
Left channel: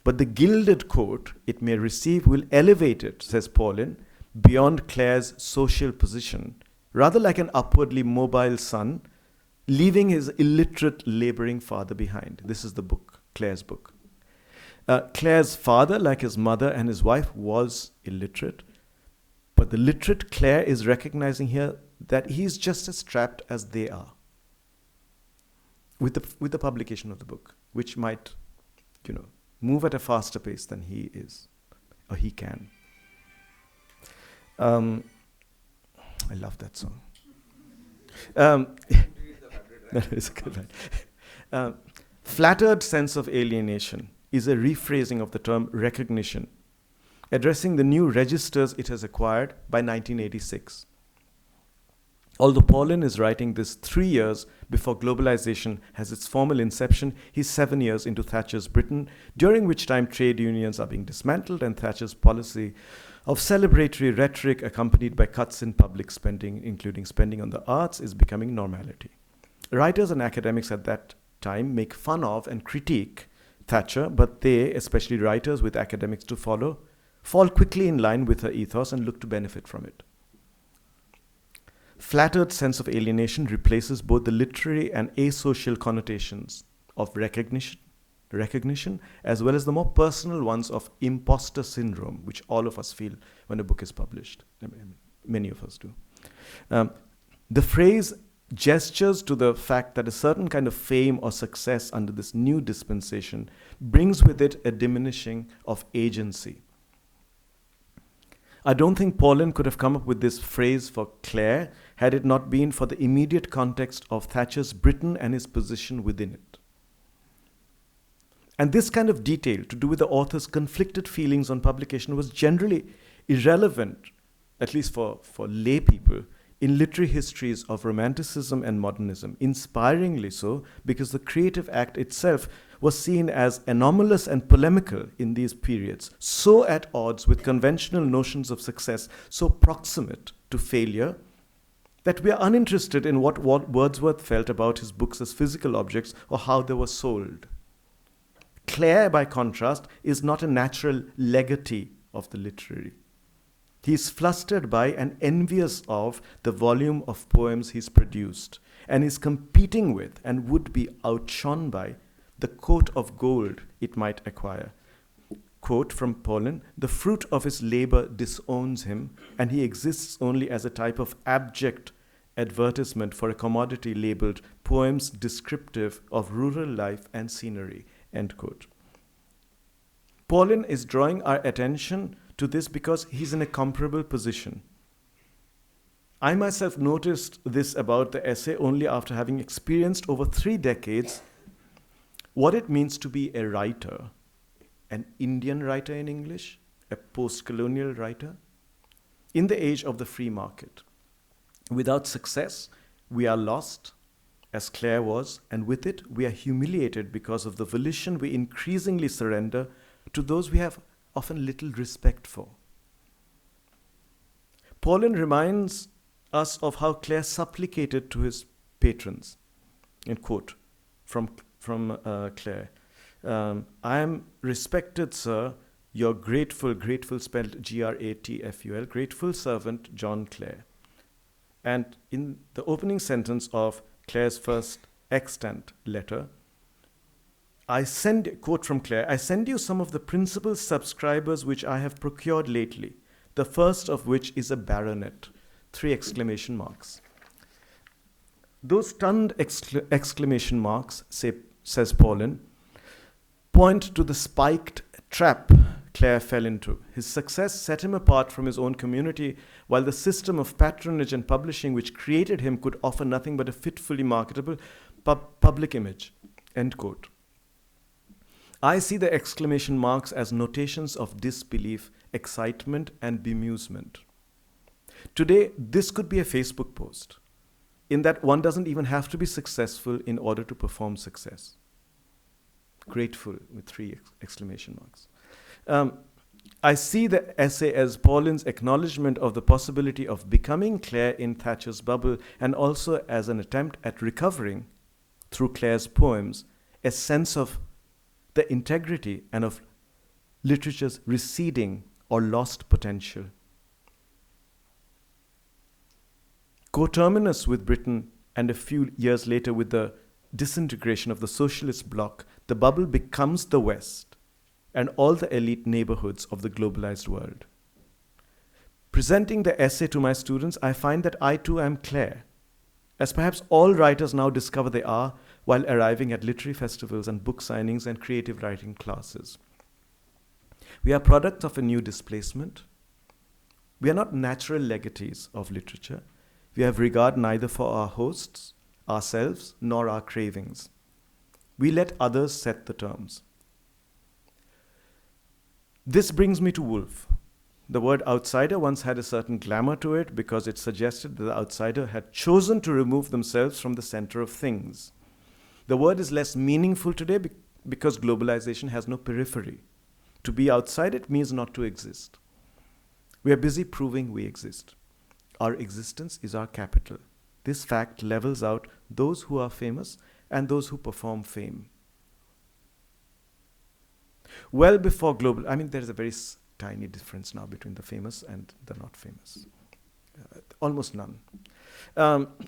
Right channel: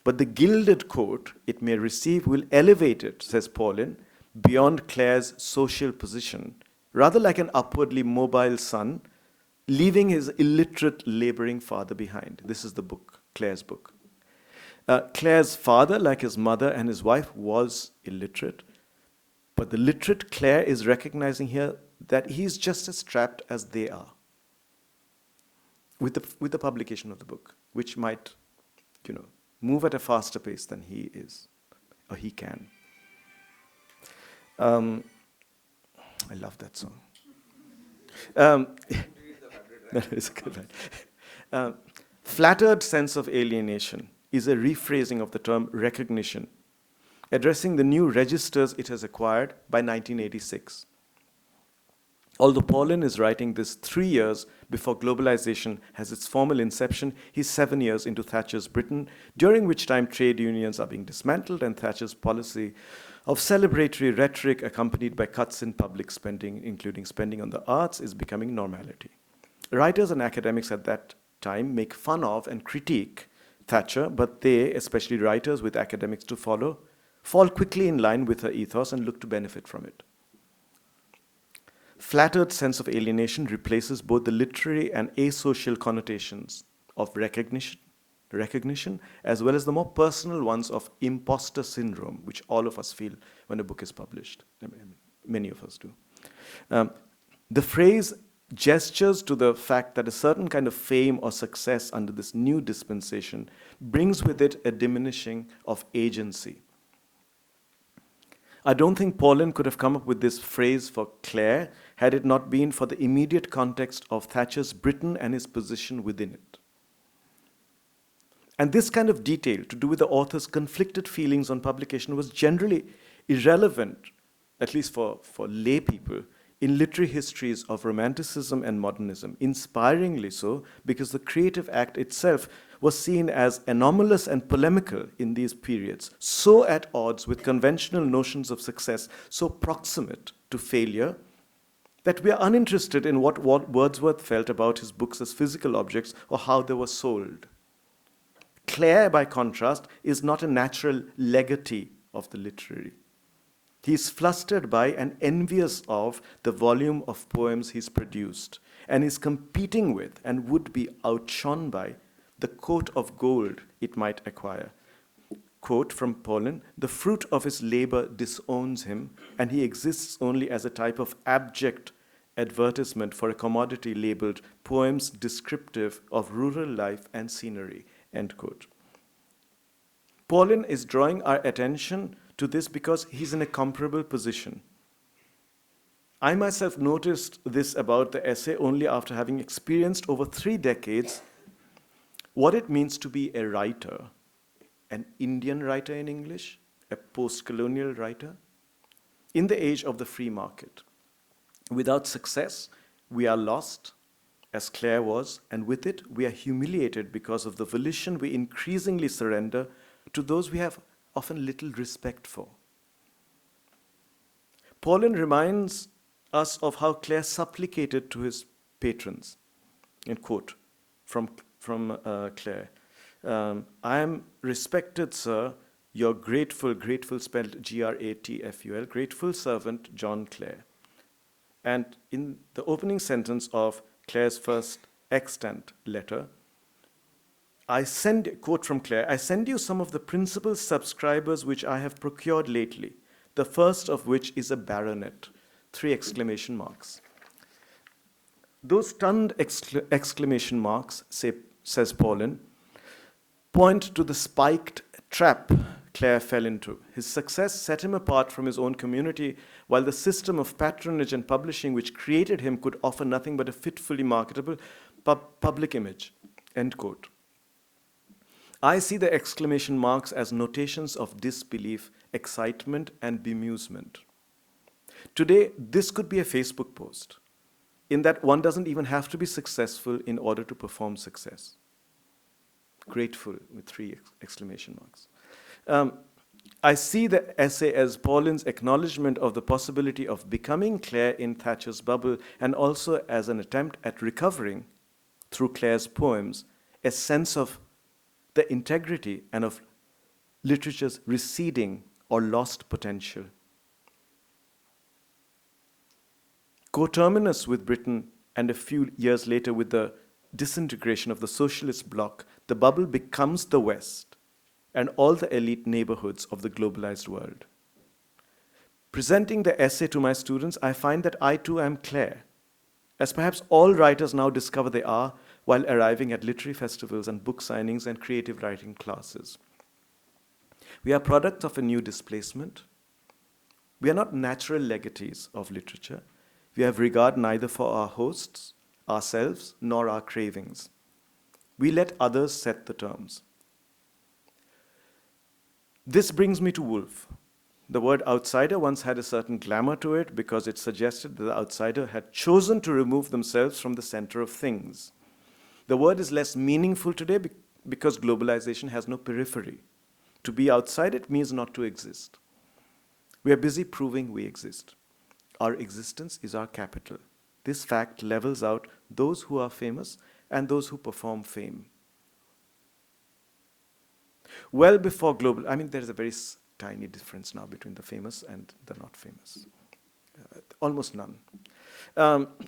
but the gilded coat it may receive will elevate it, says Paulin, beyond Clare's social position, rather like an upwardly mobile son, leaving his illiterate laboring father behind. This is the book, Clare's book. Clare's father, like his mother and his wife, was illiterate, but the literate Clare is recognizing here that he's just as trapped as they are with the publication of the book, which might, move at a faster pace than he is, or he can. I love that song. That is a good line. Flattered sense of alienation is a rephrasing of the term recognition, addressing the new registers it has acquired by 1986. Although Paulin is writing this 3 years before globalization has its formal inception, he's 7 years into Thatcher's Britain, during which time trade unions are being dismantled and Thatcher's policy of celebratory rhetoric accompanied by cuts in public spending, including spending on the arts, is becoming normality. Writers and academics at that time make fun of and critique Thatcher, but they, especially writers with academics to follow, fall quickly in line with her ethos and look to benefit from it. Flattered sense of alienation replaces both the literary and asocial connotations of recognition recognition, as well as the more personal ones of imposter syndrome, which all of us feel when a book is published. I mean, many of us do. The phrase gestures to the fact that a certain kind of fame or success under this new dispensation brings with it a diminishing of agency. I don't think Paulin could have come up with this phrase for Clare had it not been for the immediate context of Thatcher's Britain and his position within it. And this kind of detail to do with the author's conflicted feelings on publication was generally irrelevant, at least for lay people, in literary histories of Romanticism and Modernism, inspiringly so because the creative act itself was seen as anomalous and polemical in these periods, so at odds with conventional notions of success, so proximate to failure, that we are uninterested in what Wordsworth felt about his books as physical objects or how they were sold. Clare, by contrast, is not a natural legatee of the literary. He is flustered by and envious of the volume of poems he's produced, and is competing with and would be outshone by the coat of gold it might acquire. Quote from Paulin, "The fruit of his labor disowns him, and he exists only as a type of abject advertisement for a commodity labeled poems descriptive of rural life and scenery." End quote. Paulin is drawing our attention to this because he's in a comparable position. I myself noticed this about the essay only after having experienced over 3 decades what it means to be a writer, an Indian writer in English, a post-colonial writer, in the age of the free market. Without success, we are lost, as Clare was, and with it, we are humiliated because of the volition we increasingly surrender to those we have often little respect for. Paulin reminds us of how Clare supplicated to his patrons, in quote from Clare, "I am respected, sir, your grateful spelled Gratful, grateful servant, John Clare." And in the opening sentence of Clare's first extant letter, quote from Clare, "I send you some of the principal subscribers which I have procured lately, the first of which is a baronet." 3 exclamation marks. Those stunned exclamation marks, says Paulin, point to the spiked trap Clare fell into. His success set him apart from his own community, while the system of patronage and publishing which created him could offer nothing but a fitfully marketable public image. End quote. I see the exclamation marks as notations of disbelief, excitement, and bemusement. Today, this could be a Facebook post, in that one doesn't even have to be successful in order to perform success. Grateful with 3 exclamation marks. I see the essay as Paulin's acknowledgement of the possibility of becoming Clare in Thatcher's bubble, and also as an attempt at recovering, through Clare's poems, a sense of the integrity and of literature's receding or lost potential. Coterminous with Britain, and a few years later with the disintegration of the socialist bloc, the bubble becomes the West and all the elite neighborhoods of the globalized world. Presenting the essay to my students, I find that I too am Clare, as perhaps all writers now discover they are while arriving at literary festivals and book signings and creative writing classes. We are products of a new displacement. We are not natural legatees of literature. We have regard neither for our hosts, ourselves, nor our cravings. We let others set the terms. This brings me to Woolf. The word outsider once had a certain glamour to it because it suggested that the outsider had chosen to remove themselves from the center of things. The word is less meaningful today because globalization has no periphery. To be outside it means not to exist. We are busy proving we exist. Our existence is our capital. This fact levels out those who are famous and those who perform fame. Well before there's a very tiny difference now between the famous and the not famous. Almost none.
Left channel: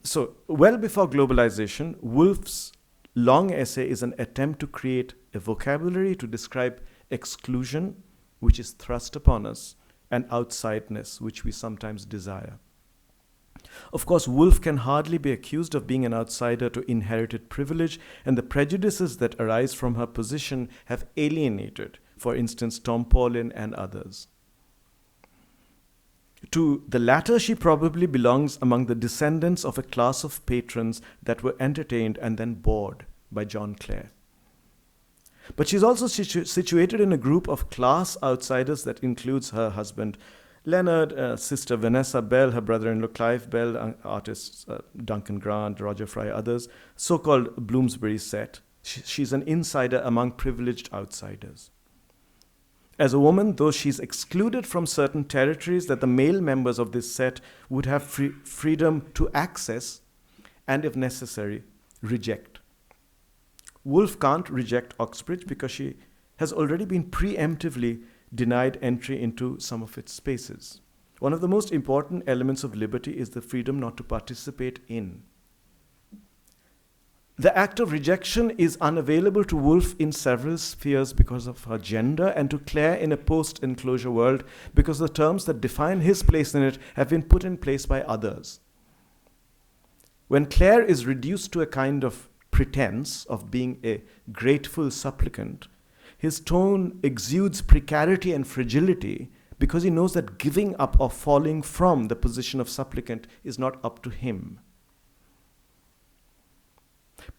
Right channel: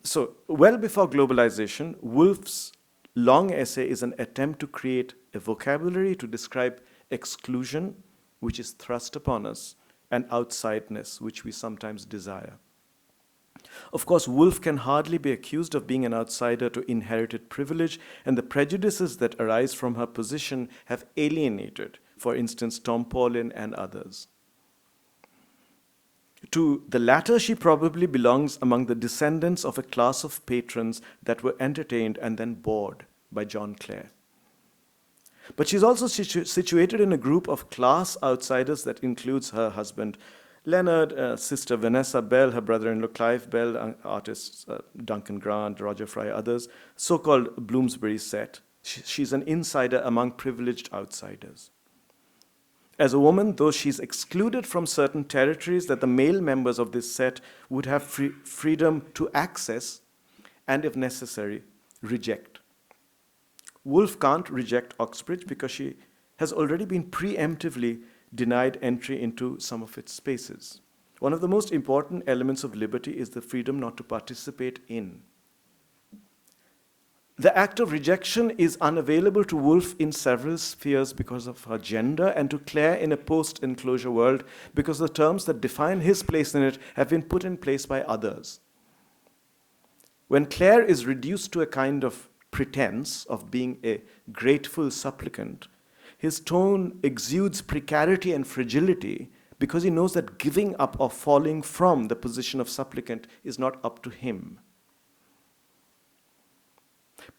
So, well before globalization, Woolf's long essay is an attempt to create a vocabulary to describe exclusion, which is thrust upon us, and outsideness, which we sometimes desire. Of course, Woolf can hardly be accused of being an outsider to inherited privilege, and the prejudices that arise from her position have alienated, for instance, Tom Paulin and others. To the latter, she probably belongs among the descendants of a class of patrons that were entertained and then bored by John Clare. But she's also situated in a group of class outsiders that includes her husband Leonard, sister Vanessa Bell, her brother-in-law Clive Bell, artists Duncan Grant, Roger Fry, others, so-called Bloomsbury set. She's an insider among privileged outsiders. As a woman, though she's excluded from certain territories that the male members of this set would have freedom to access and, if necessary, reject. Woolf can't reject Oxbridge because she has already been preemptively denied entry into some of its spaces. One of the most important elements of liberty is the freedom not to participate in. The act of rejection is unavailable to Woolf in several spheres because of her gender, and to Clare in a post-enclosure world because the terms that define his place in it have been put in place by others. When Clare is reduced to a kind of pretense of being a grateful supplicant, his tone exudes precarity and fragility because he knows that giving up or falling from the position of supplicant is not up to him.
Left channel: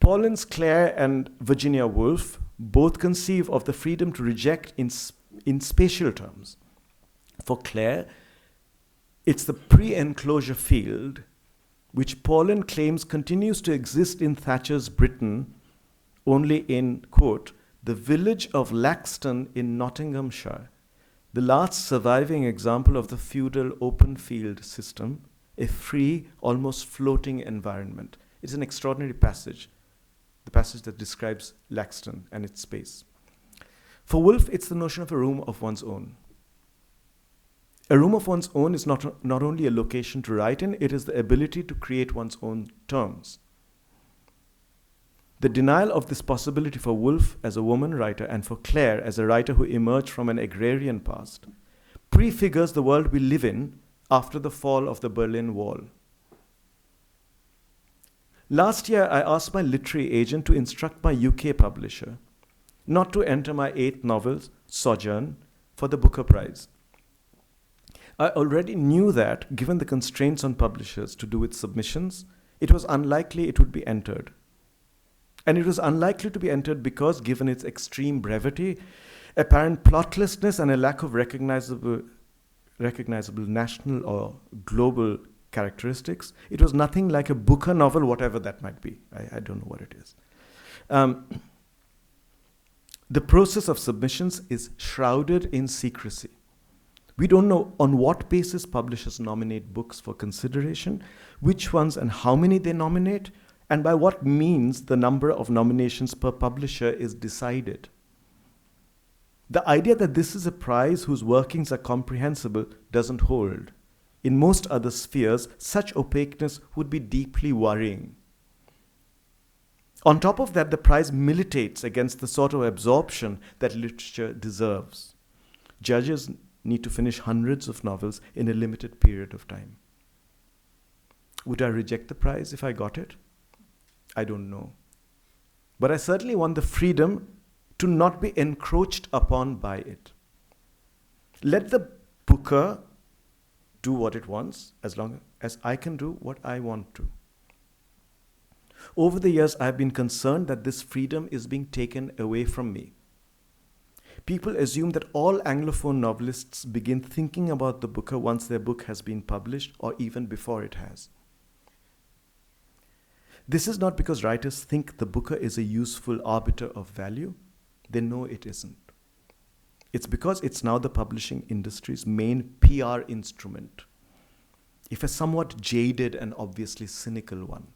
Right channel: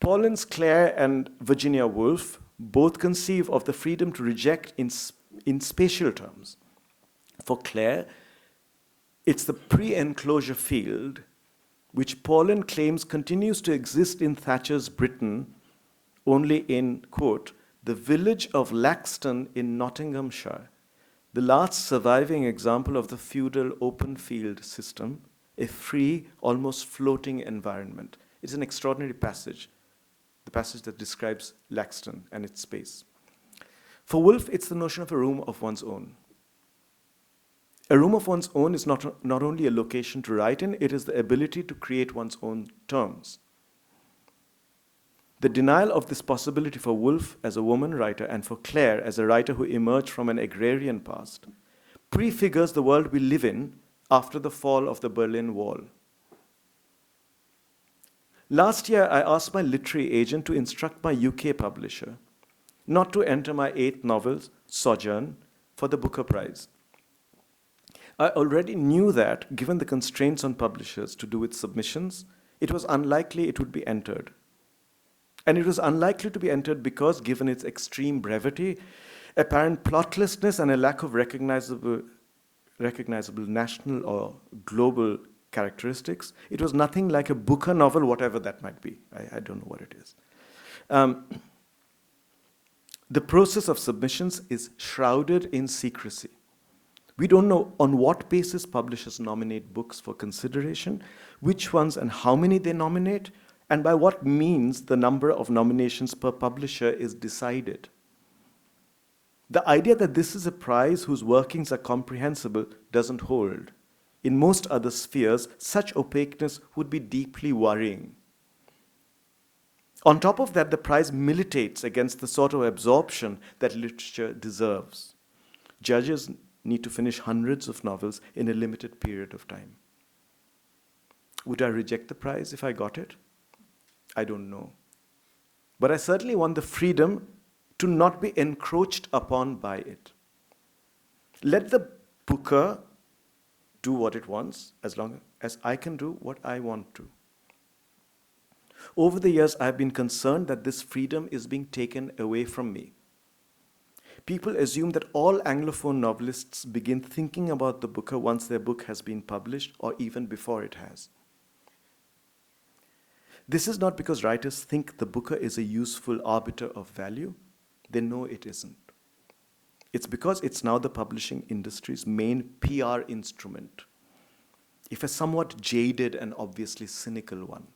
Paulin's Clare and Virginia Woolf both conceive of the freedom to reject in spatial terms. For Clare, it's the pre-enclosure field which Paulin claims continues to exist in Thatcher's Britain only in, quote, the village of Laxton in Nottinghamshire, the last surviving example of the feudal open field system, a free, almost floating environment. It's an extraordinary passage, the passage that describes Laxton and its space. For Woolf, it's the notion of a room of one's own. A room of one's own is not only a location to write in, it is the ability to create one's own terms. The denial of this possibility for Woolf as a woman writer and for Clare as a writer who emerged from an agrarian past prefigures the world we live in after the fall of the Berlin Wall. Last year, I asked my literary agent to instruct my UK publisher not to enter my 8th novel, Sojourn, for the Booker Prize. I already knew that, given the constraints on publishers to do with submissions, it was unlikely it would be entered. And it was unlikely to be entered because, given its extreme brevity, apparent plotlessness, and a lack of recognizable national or global characteristics, it was nothing like a Booker novel, whatever that might be. I don't know what it is. The process of submissions is shrouded in secrecy. We don't know on what basis publishers nominate books for consideration, which ones and how many they nominate, and by what means the number of nominations per publisher is decided. The idea that this is a prize whose workings are comprehensible doesn't hold. In most other spheres, such opaqueness would be deeply worrying. On top of that, the prize militates against the sort of absorption that literature deserves. Judges need to finish hundreds of novels in a limited period of time. Would I reject the prize if I got it? I don't know. But I certainly want the freedom to not be encroached upon by it. Let the Booker do what it wants, as long as I can do what I want to. Over the years, I have been concerned that this freedom is being taken away from me. People assume that all Anglophone novelists begin thinking about the Booker once their book has been published, or even before it has. This is not because writers think the Booker is a useful arbiter of value. They know it isn't. It's because it's now the publishing industry's main PR instrument, if a somewhat jaded and obviously cynical one.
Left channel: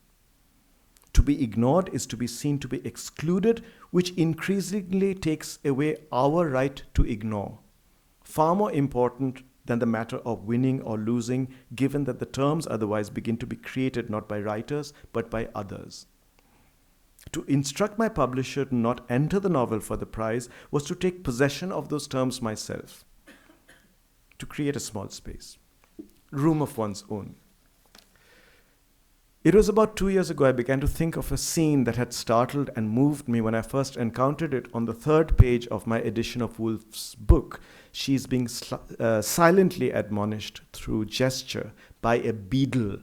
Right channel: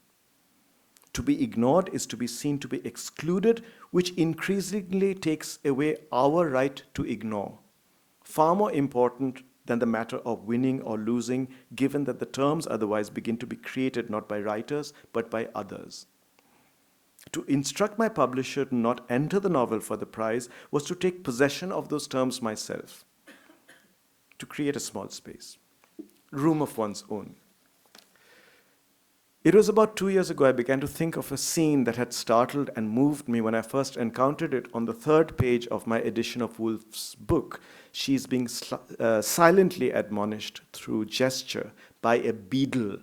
To be ignored is to be seen to be excluded, which increasingly takes away our right to ignore. Far more important than the matter of winning or losing, given that the terms otherwise begin to be created not by writers, but by others. To instruct my publisher to not enter the novel for the prize was to take possession of those terms myself, to create a small space, room of one's own. It was about 2 years ago I began to think of a scene that had startled and moved me when I first encountered it on the third page of my edition of Woolf's book. She's being silently admonished through gesture by a beadle,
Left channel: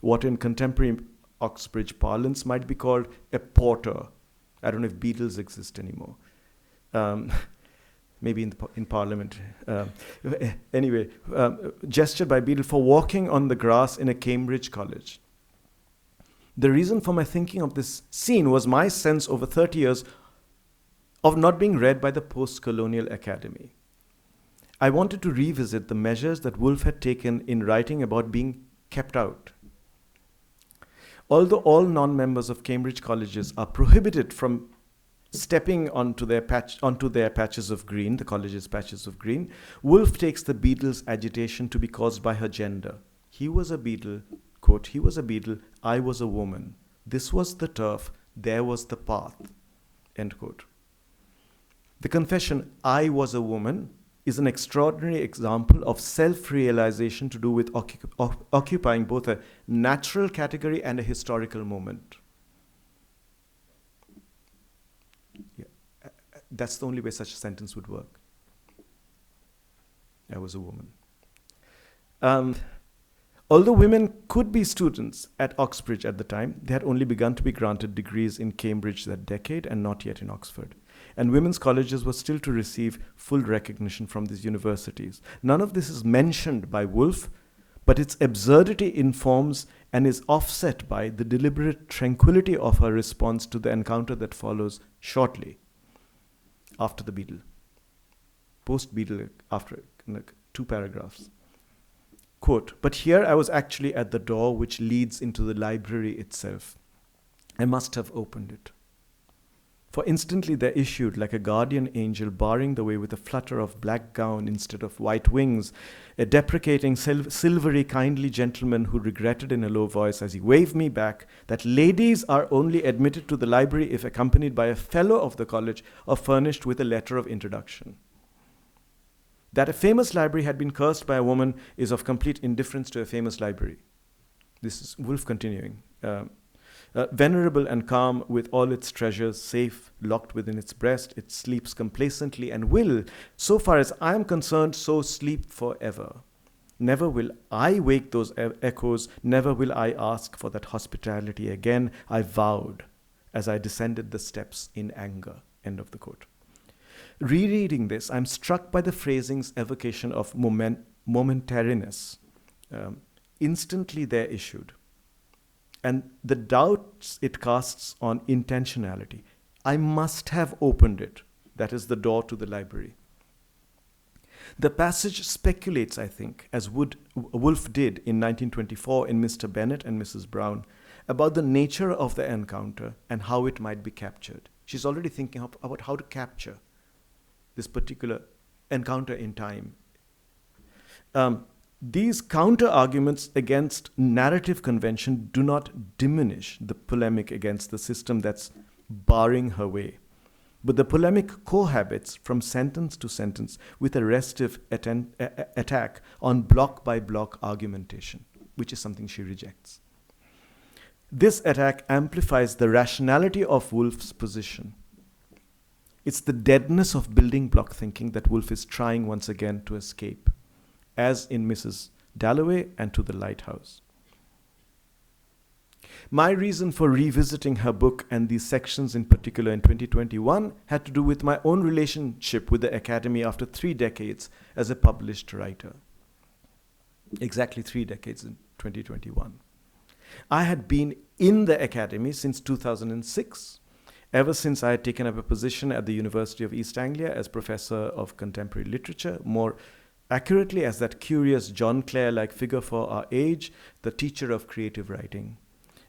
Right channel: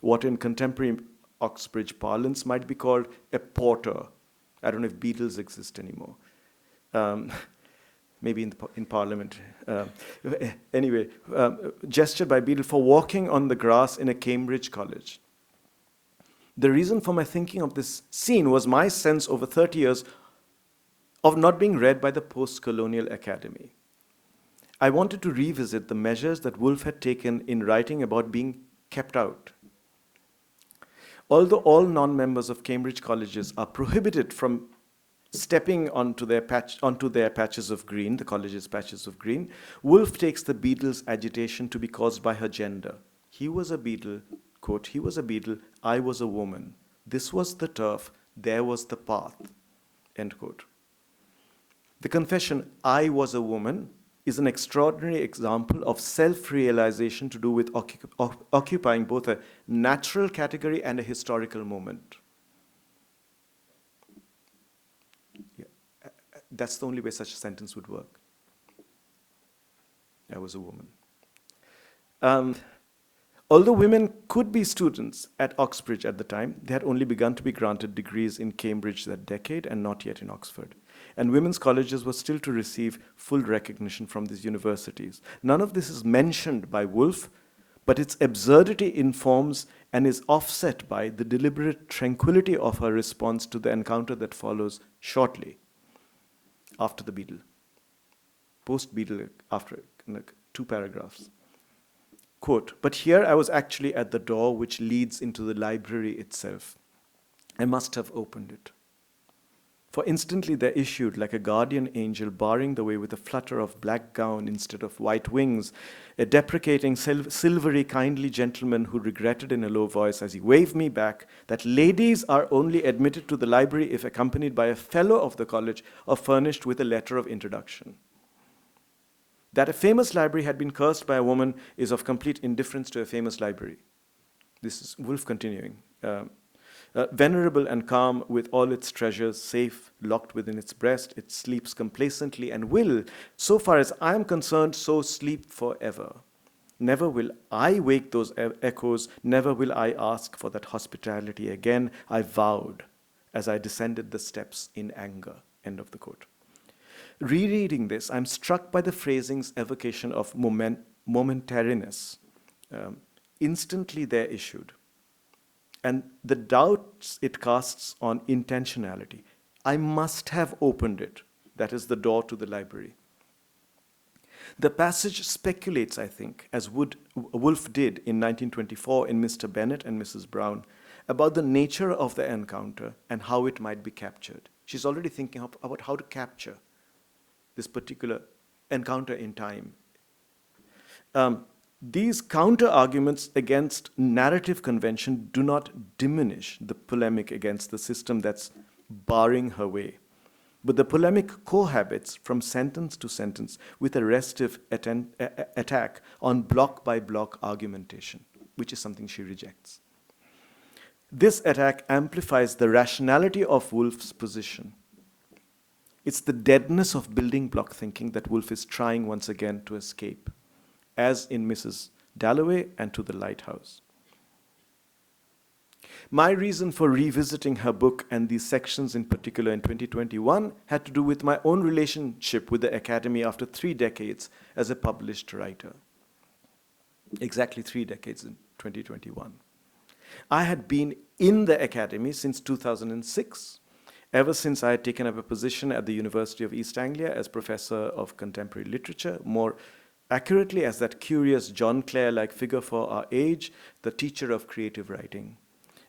what in contemporary Oxbridge parlance might be called a porter. I don't know if beadles exist anymore. Maybe in Parliament. Anyway, gestured by beadle for walking on the grass in a Cambridge college. The reason for my thinking of this scene was my sense over 30 years of not being read by the post-colonial academy. I wanted to revisit the measures that Woolf had taken in writing about being kept out. Although all non-members of Cambridge colleges are prohibited from stepping onto their patches of green, the college's patches of green, Woolf takes the beadle's agitation to be caused by her gender. He was a beadle, quote, he was a beadle, I was a woman. This was the turf, there was the path, end quote. The confession, I was a woman, is an extraordinary example of self-realization to do with occupying both a natural category and a historical moment. Yeah. That's the only way such a sentence would work. I was a woman. Although women could be students at Oxbridge at the time, they had only begun to be granted degrees in Cambridge that decade and not yet in Oxford. And women's colleges were still to receive full recognition from these universities. None of this is mentioned by Woolf, but its absurdity informs and is offset by the deliberate tranquility of her response to the encounter that follows shortly after the beadle. Post-beadle, after 2 paragraphs. Quote, but here I was actually at the door which leads into the library itself. I must have opened it. For instantly there issued, like a guardian angel barring the way with a flutter of black gown instead of white wings, a deprecating, silvery, kindly gentleman who regretted in a low voice as he waved me back that ladies are only admitted to the library if accompanied by a fellow of the college or furnished with a letter of introduction. That a famous library had been cursed by a woman is of complete indifference to a famous library. This is Woolf continuing. Venerable and calm, with all its treasures safe, locked within its breast, it sleeps complacently and will, so far as I am concerned, so sleep forever. Never will I wake those echoes, never will I ask for that hospitality again, I vowed, as I descended the steps in anger. End of the quote. Rereading this, I'm struck by the phrasing's evocation of momentariness. Instantly there issued. And the doubts it casts on intentionality. I must have opened it. That is the door to the library. The passage speculates, I think, as Woolf did in 1924 in Mr. Bennet and Mrs. Brown, about the nature of the encounter and how it might be captured. She's already thinking about how to capture this particular encounter in time. These counter-arguments against narrative convention do not diminish the polemic against the system that's barring her way. But the polemic cohabits from sentence to sentence with a restive attack on block-by-block argumentation, which is something she rejects. This attack amplifies the rationality of Woolf's position. It's the deadness of building block thinking that Woolf is trying once again to escape, as in Mrs. Dalloway and To the Lighthouse. My reason for revisiting her book and these sections in particular in 2021 had to do with my own relationship with the Academy after 3 decades as a published writer. Exactly 3 decades in 2021. I had been in the Academy since 2006, ever since I had taken up a position at the University of East Anglia as Professor of Contemporary Literature, more accurately as that curious John Clare-like figure for our age, the teacher of creative writing.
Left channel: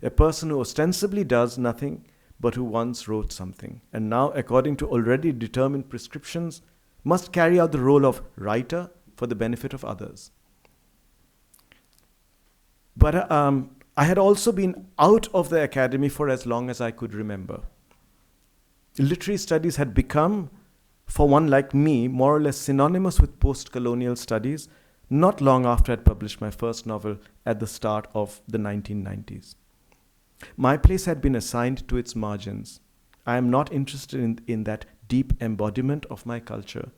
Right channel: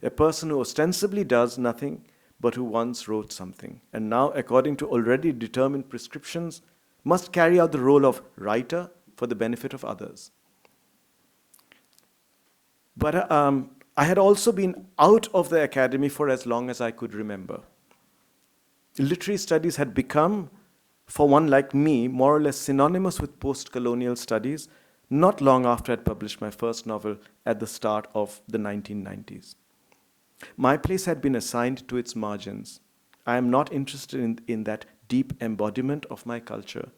A person who ostensibly does nothing, but who once wrote something, and now, according to already determined prescriptions, must carry out the role of writer for the benefit of others. But I had also been out of the Academy for as long as I could remember. literary studies had become, for one like me, more or less synonymous with post-colonial studies not long after I had published my first novel at the start of the 1990s. My place had been assigned to its margins. I am not interested in that deep embodiment of my culture.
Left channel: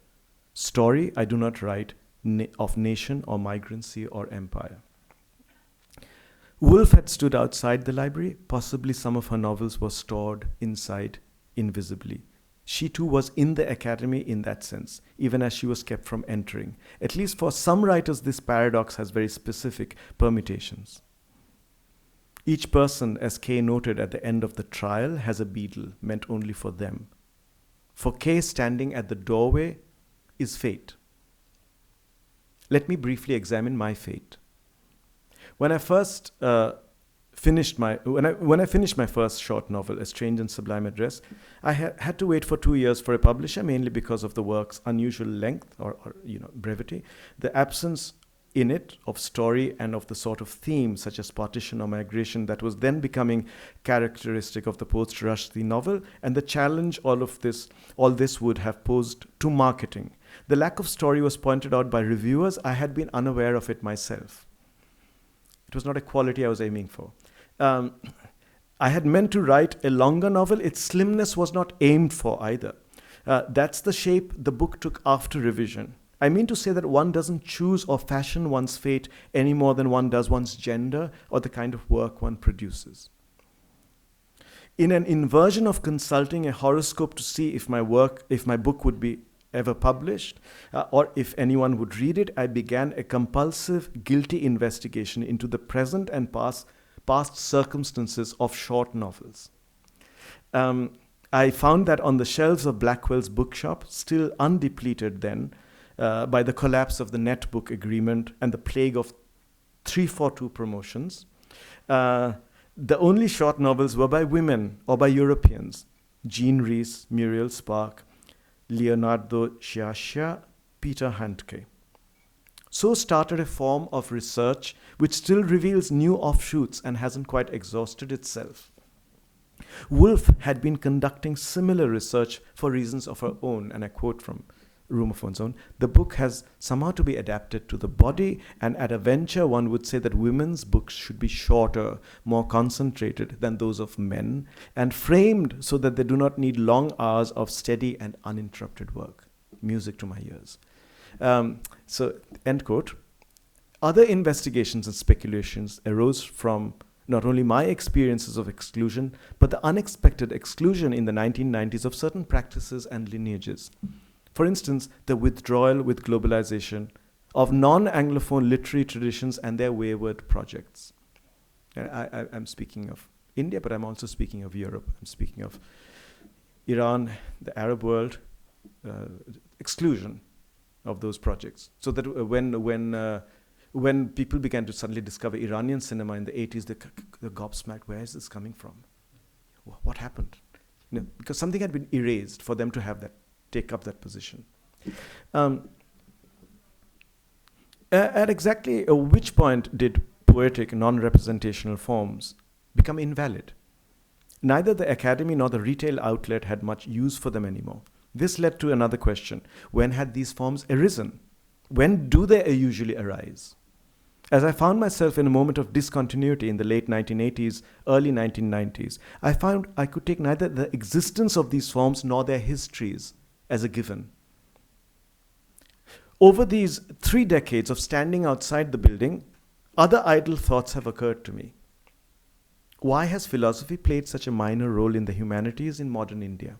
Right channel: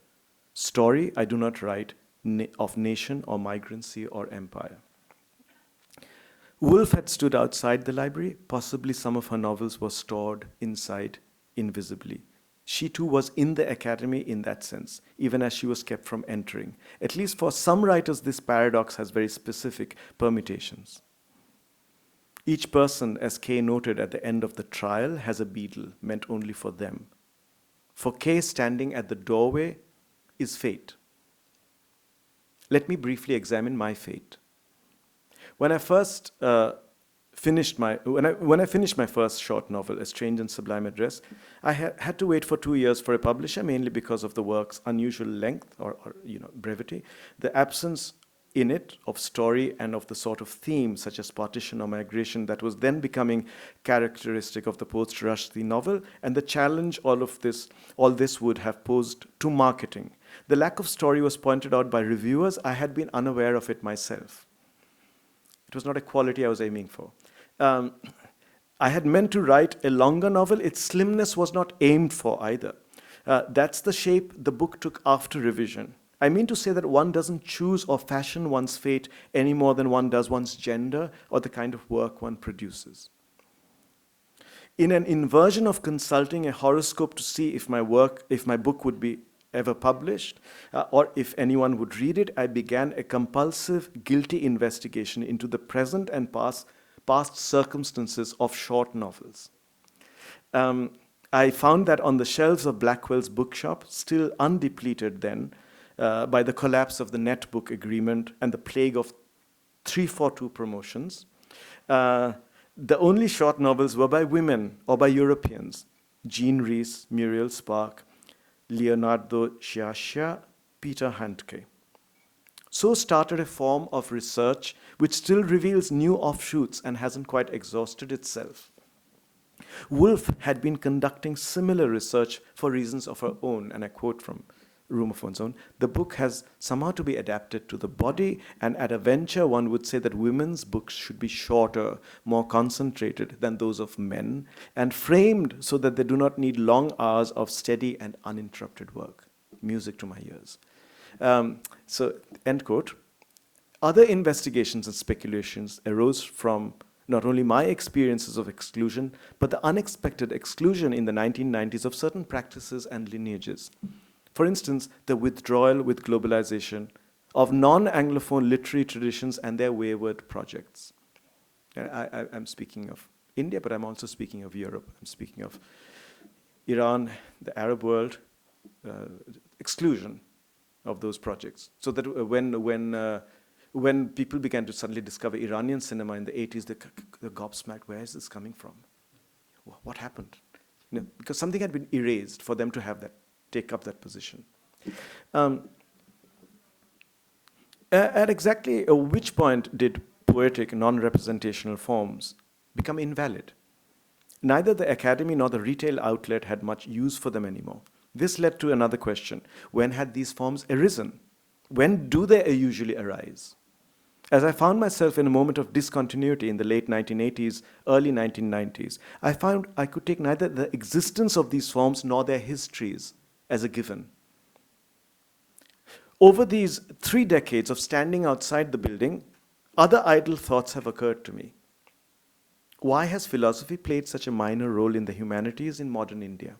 Story I do not write of nation or migrancy or empire. Woolf had stood outside the library. Possibly some of her novels were stored inside invisibly. She too was in the academy in that sense, even as she was kept from entering. At least for some writers, this paradox has very specific permutations. Each person, as Kay noted at the end of the trial, has a beadle meant only for them. For Kay, standing at the doorway is fate. Let me briefly examine my fate. When I finished my first short novel, A Strange and Sublime Address, I had to wait for 2 years for a publisher, mainly because of the work's unusual length or brevity, the absence in it of story and of the sort of theme such as partition or migration that was then becoming characteristic of the post-Rushdie novel, and the challenge all this would have posed to marketing. The lack of story was pointed out by reviewers. I had been unaware of it myself. It was not a quality I was aiming for. I had meant to write a longer novel. Its slimness was not aimed for either. That's the shape the book took after revision. I mean to say that one doesn't choose or fashion one's fate any more than one does one's gender or the kind of work one produces. In an inversion of consulting a horoscope to see if my book would be ever published, or if anyone would read it, I began a compulsive, guilty investigation into the present and past circumstances of short novels. I found that on the shelves of Blackwell's bookshop, still undepleted then, by the collapse of the netbook agreement and the plague of 342 promotions, the only short novels were by women or by Europeans: Jean Rhys, Muriel Spark, Leonardo Sciascia, Peter Handke. So started a form of research which still reveals new offshoots and hasn't quite exhausted itself. Woolf had been conducting similar research for reasons of her own, and I quote from Room of One's Own: "The book has somehow to be adapted to the body, and at a venture one would say that women's books should be shorter, more concentrated than those of men, and framed so that they do not need long hours of steady and uninterrupted work." Music to my ears. So, end quote. Other investigations and speculations arose from not only my experiences of exclusion, but the unexpected exclusion in the 1990s of certain practices and lineages. For instance, the withdrawal with globalisation of non-Anglophone literary traditions and their wayward projects. I'm speaking of India, but I'm also speaking of Europe. I'm speaking of Iran, the Arab world, exclusion of those projects. So that when people began to suddenly discover Iranian cinema in the 80s, they're gobsmacked. Where is this coming from? What happened? Because something had been erased for them to take up that position. At exactly which point did poetic, non-representational forms become invalid? Neither the academy nor the retail outlet had much use for them anymore. This led to another question. When had these forms arisen? When do they usually arise? As I found myself in a moment of discontinuity in the late 1980s, early 1990s, I found I could take neither the existence of these forms nor their histories as a given. Over these 3 decades of standing outside the building, other idle thoughts have occurred to me. Why has philosophy played such a minor role in the humanities in modern India?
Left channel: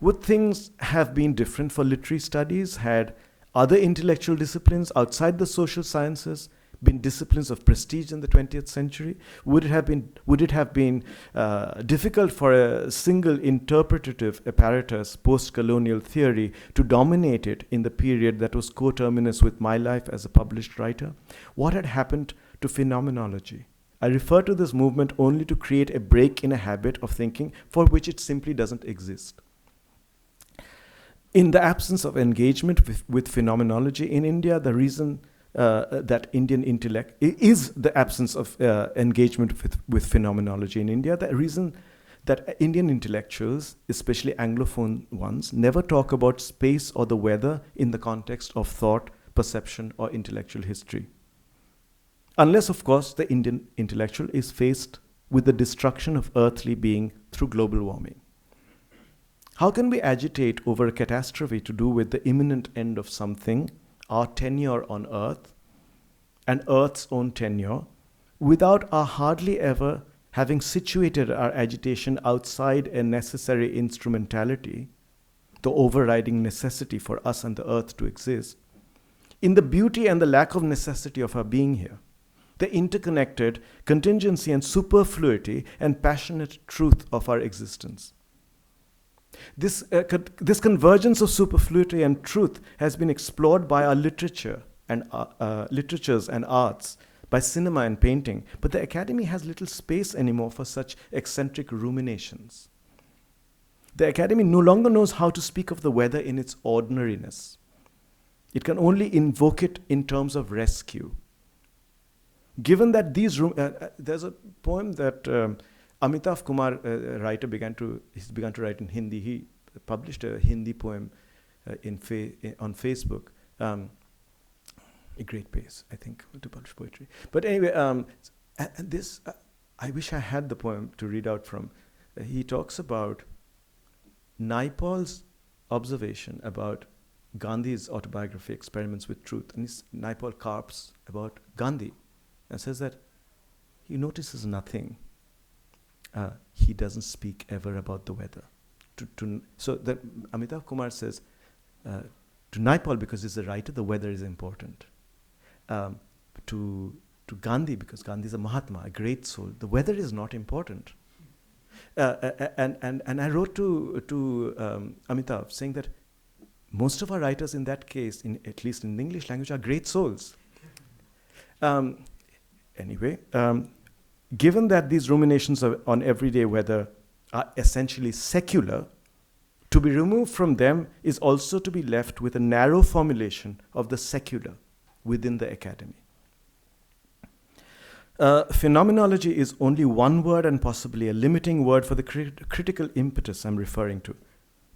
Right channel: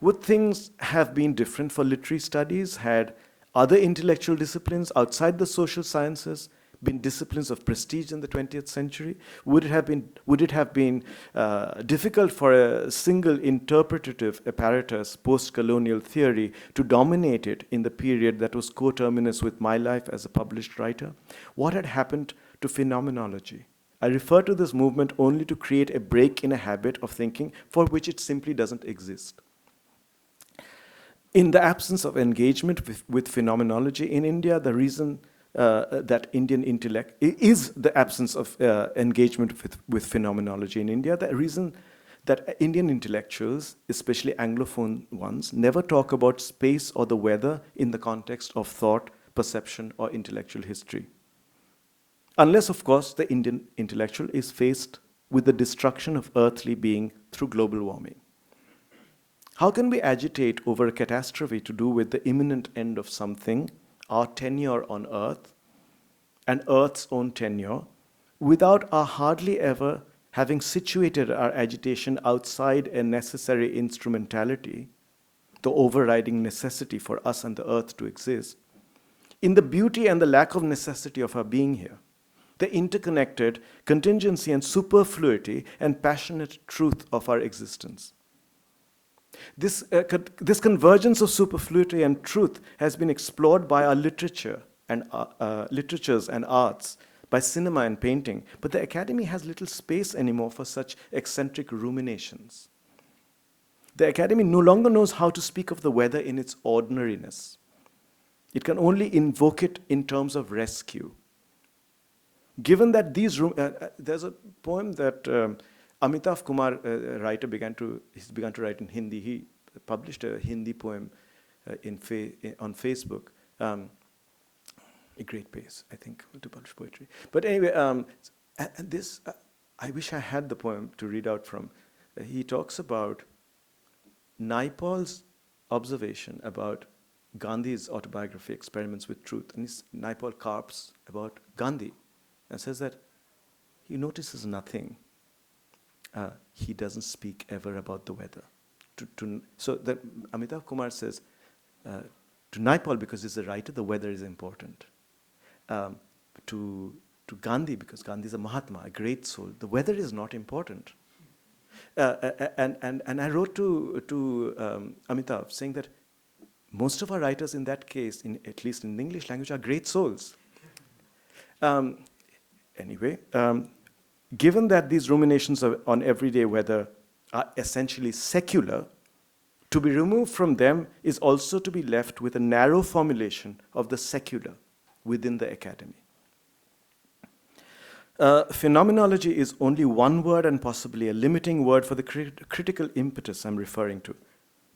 Would things have been different for literary studies had other intellectual disciplines outside the social sciences been disciplines of prestige in the 20th century? Would it have been difficult for a single interpretative apparatus, post-colonial theory, to dominate it in the period that was coterminous with my life as a published writer? What had happened to phenomenology? I refer to this movement only to create a break in a habit of thinking for which it simply doesn't exist. In the absence of engagement with phenomenology in India, the reason that Indian intellect is the absence of engagement with phenomenology in India. The reason that Indian intellectuals, especially Anglophone ones, never talk about space or the weather in the context of thought, perception, or intellectual history. Unless, of course, the Indian intellectual is faced with the destruction of earthly being through global warming. How can we agitate over a catastrophe to do with the imminent end of something, our tenure on Earth, and Earth's own tenure, without our hardly ever having situated our agitation outside a necessary instrumentality, the overriding necessity for us and the Earth to exist, in the beauty and the lack of necessity of our being here, the interconnected contingency and superfluity and passionate truth of our existence? This convergence of superfluity and truth has been explored by our literature and literatures and arts, by cinema and painting, but the academy has little space anymore for such eccentric ruminations. The academy no longer knows how to speak of the weather in its ordinariness. It can only invoke it in terms of rescue. Given that there's a poem that Amitav Kumar, writer, he's begun to write in Hindi. He published a Hindi poem on Facebook. A great pace, I think, to publish poetry. But anyway, I wish I had the poem to read out from. He talks about Naipaul's observation about Gandhi's autobiography, Experiments with Truth. And Naipaul carps about Gandhi and says that he notices nothing. He doesn't speak ever about the weather. So that Amitav Kumar says, to Naipaul, because he's a writer, the weather is important. To Gandhi, because Gandhi is a Mahatma, a great soul, the weather is not important. And I wrote to Amitav saying that most of our writers in that case, at least in the English language, are great souls. Anyway, given that these ruminations on everyday weather are essentially secular, to be removed from them is also to be left with a narrow formulation of the secular within the academy. Phenomenology is only one word and possibly a limiting word for the critical impetus I'm referring to.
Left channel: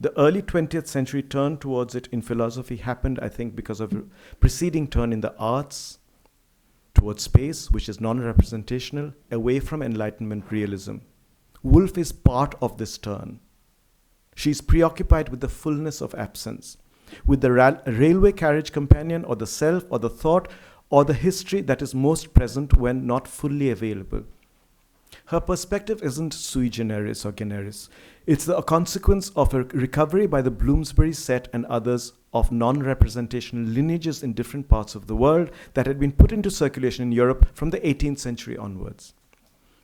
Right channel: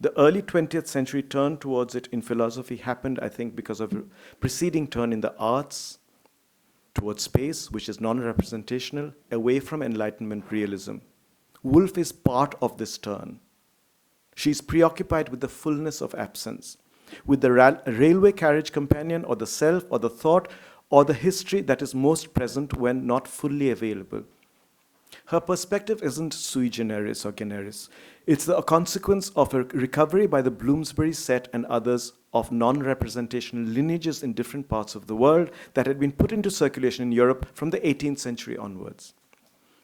The early 20th century turn towards it in philosophy happened, I think, because of a preceding turn in the arts towards space, which is non-representational, away from Enlightenment realism. Woolf is part of this turn. She's preoccupied with the fullness of absence, with the railway carriage companion or the self or the thought or the history that is most present when not fully available. Her perspective isn't sui generis or generis. It's a consequence of a recovery by the Bloomsbury set and others of non-representational lineages in different parts of the world that had been put into circulation in Europe from the 18th century onwards.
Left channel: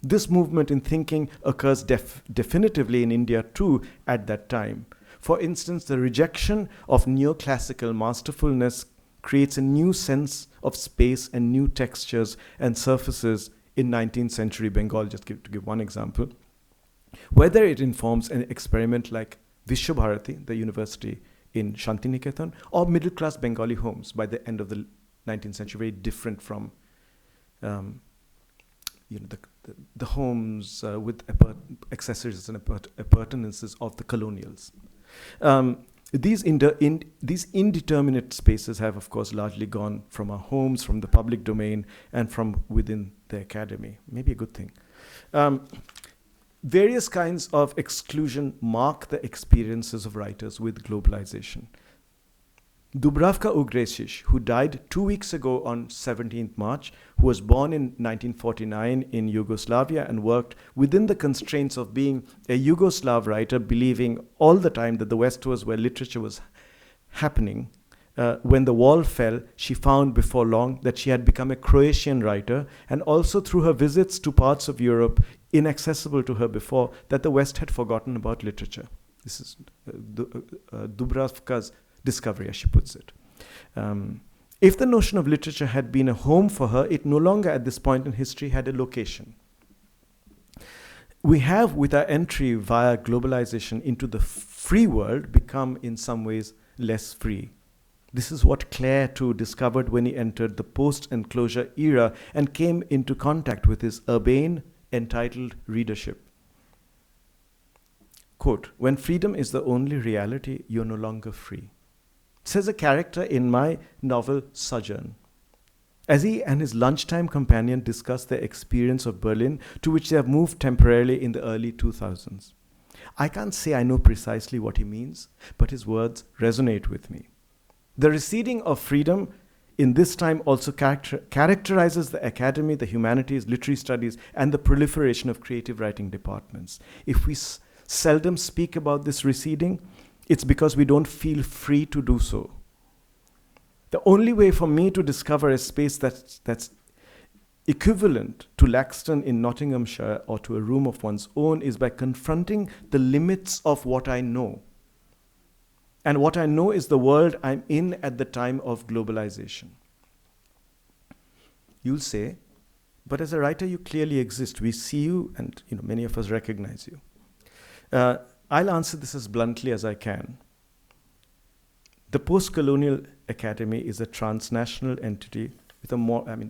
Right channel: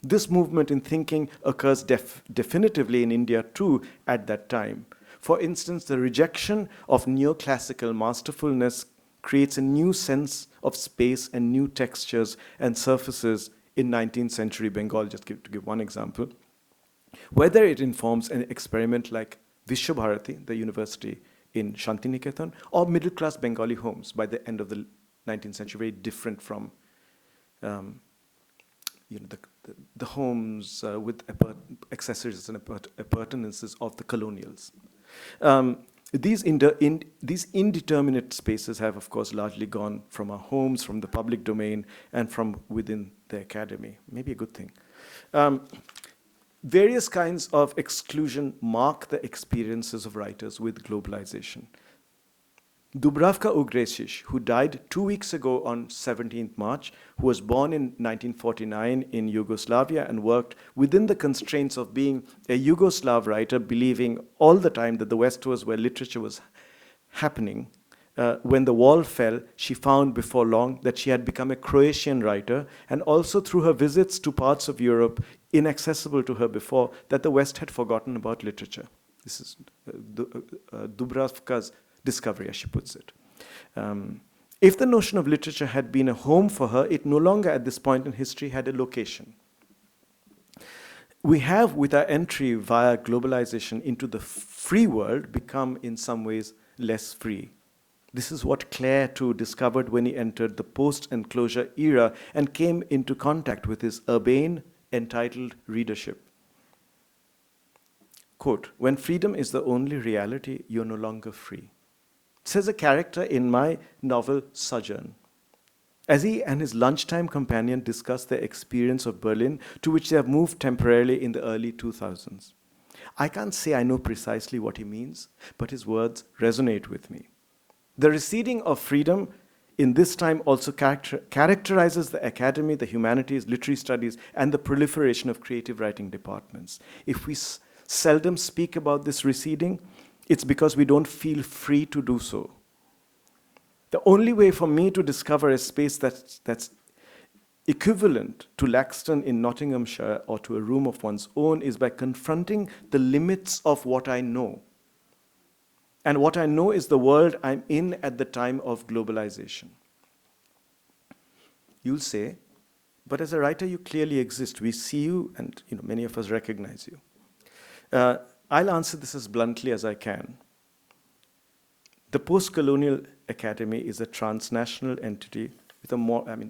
This movement in thinking occurs definitively in India too at that time. For instance, the rejection of neoclassical masterfulness creates a new sense of space and new textures and surfaces in 19th century Bengal, to give one example. Whether it informs an experiment like Vishwabharati, the university in Shantiniketan, or middle-class Bengali homes by the end of the 19th century, very different from the homes with accessories and appurtenances of the colonials. These indeterminate spaces have, of course, largely gone from our homes, from the public domain, and from within the academy. Maybe a good thing. Various kinds of exclusion mark the experiences of writers with globalization. Dubravka Ugresic, who died 2 weeks ago on 17th March, who was born in 1949 in Yugoslavia and worked within the constraints of being a Yugoslav writer, believing all the time that the West was where literature was happening. When the wall fell, she found before long that she had become a Croatian writer, and also through her visits to parts of Europe inaccessible to her before, that the West had forgotten about literature. This is Dubravka's discovery, as she puts it. If the notion of literature had been a home for her, it no longer at this point in history had a location. We have, with our entry via globalization into the free world, become in some ways less free. This is what Clare too discovered when he entered the post-enclosure era and came into contact with his urbane, entitled readership. quote, "When freedom is the only reality, you're no longer free," says a character in my novel Sojourn, as he and his lunchtime companion discuss their experience of Berlin, to which they have moved temporarily in the early 2000s. I can't say I know precisely what he means, but his words resonate with me. The receding of freedom in this time also characterizes the academy, the humanities, literary studies, and the proliferation of creative writing departments. If we seldom speak about this receding, it's because we don't feel free to do so. The only way for me to discover a space that's equivalent to Laxton in Nottinghamshire or to a room of one's own is by confronting the limits of what I know. And what I know is the world I'm in at the time of globalization. You'll say, but as a writer, you clearly exist. We see you, and many of us recognize you. I'll answer this as bluntly as I can. The post-colonial academy is a transnational entity with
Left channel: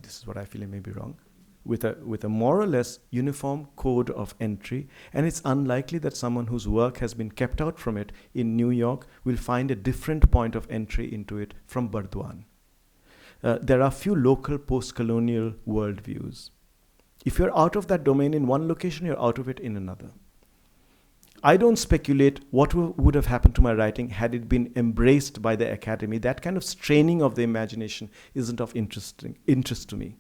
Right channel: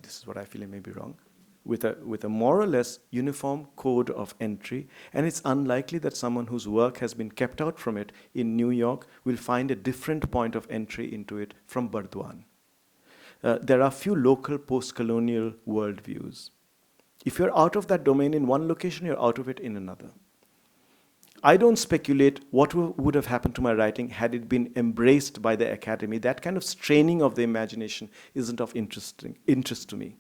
this is what I feel, I may be wrong, with a more or less uniform code of entry, and it's unlikely that someone whose work has been kept out from it in New York will find a different point of entry into it from Burdwan. There are few local post-colonial worldviews. If you're out of that domain in one location, you're out of it in another. I don't speculate what would have happened to my writing had it been embraced by the academy. That kind of straining of the imagination isn't of interest to me.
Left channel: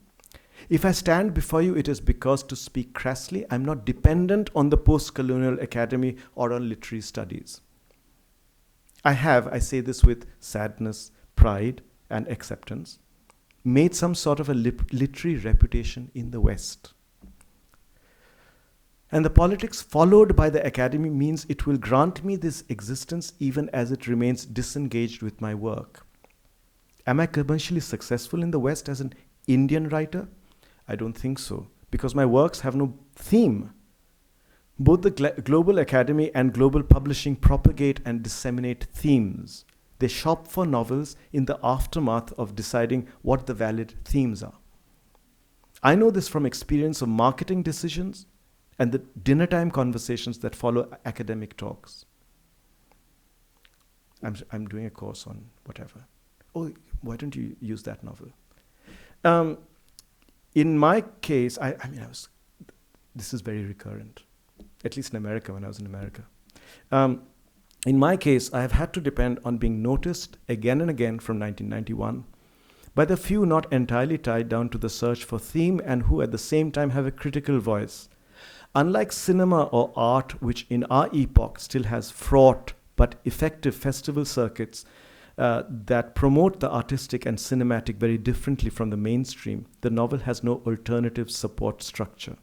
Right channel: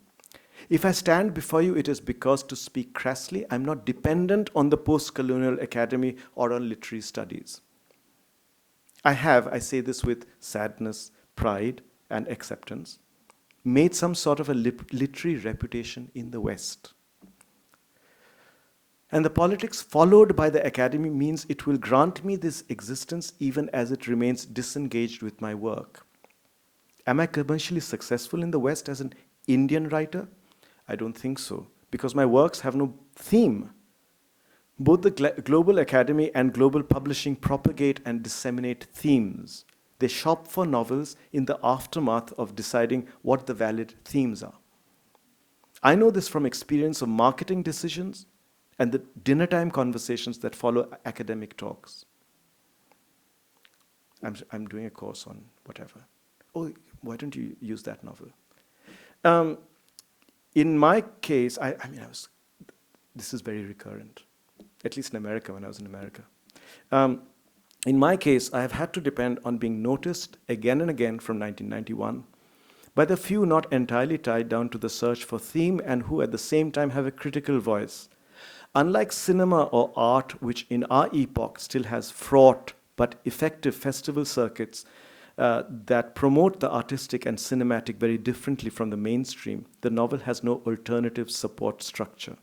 If I stand before you, it is because, to speak crassly, I'm not dependent on the post-colonial academy or on literary studies. I say this with sadness, pride, and acceptance, made some sort of a literary reputation in the West. And the politics followed by the academy means it will grant me this existence even as it remains disengaged with my work. Am I commercially successful in the West as an Indian writer? I don't think so, because my works have no theme. Both the Global Academy and Global Publishing propagate and disseminate themes. They shop for novels in the aftermath of deciding what the valid themes are. I know this from experience of marketing decisions and the dinner time conversations that follow academic talks. I'm doing a course on whatever. Oh, why don't you use that novel? In my case, this is very recurrent, at least in America, when I was in America. In my case, I have had to depend on being noticed again and again from 1991 by the few not entirely tied down to the search for theme and who at the same time have a critical voice. Unlike cinema or art, which in our epoch still has fraught but effective festival circuits that promote the artistic and cinematic very differently from the mainstream, the novel has no alternative support structure.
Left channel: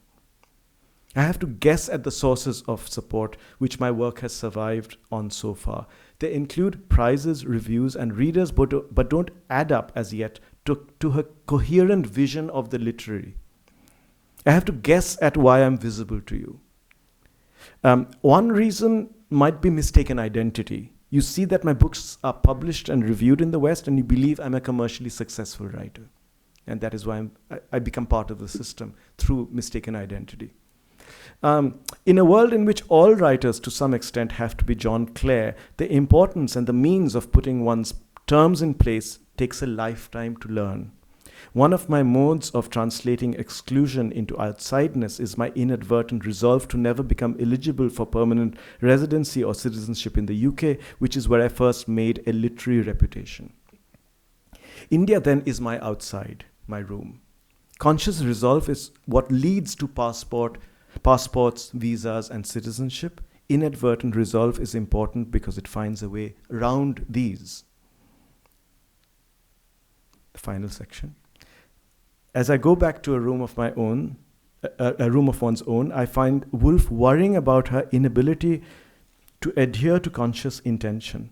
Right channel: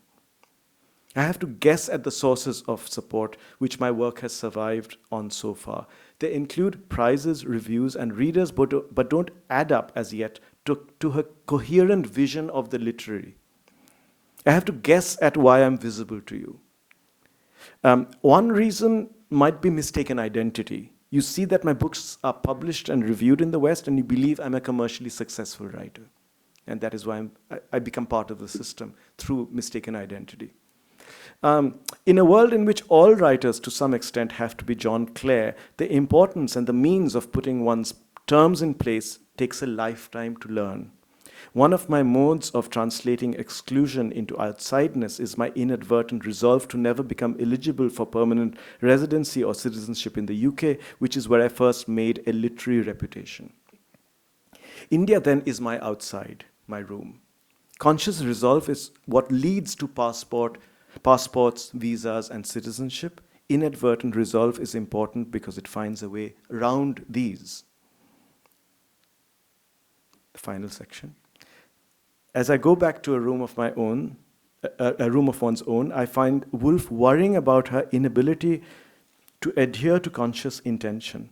I have to guess at the sources of support which my work has survived on so far. They include prizes, reviews, and readers, but don't add up as yet to a coherent vision of the literary. I have to guess at why I'm visible to you. One reason might be mistaken identity. You see that my books are published and reviewed in the West, and you believe I'm a commercially successful writer. And that is why I become part of the system through mistaken identity. In a world in which all writers to some extent have to be John Clare, the importance and the means of putting one's terms in place takes a lifetime to learn. One of my modes of translating exclusion into outsideness is my inadvertent resolve to never become eligible for permanent residency or citizenship in the UK, which is where I first made a literary reputation. India then is my outside, my room. Conscious resolve is what leads to passports, visas, and citizenship. Inadvertent resolve is important because it finds a way around these. The final section. As I go back to a room of one's own, I find Woolf worrying about her inability to adhere to conscious intention,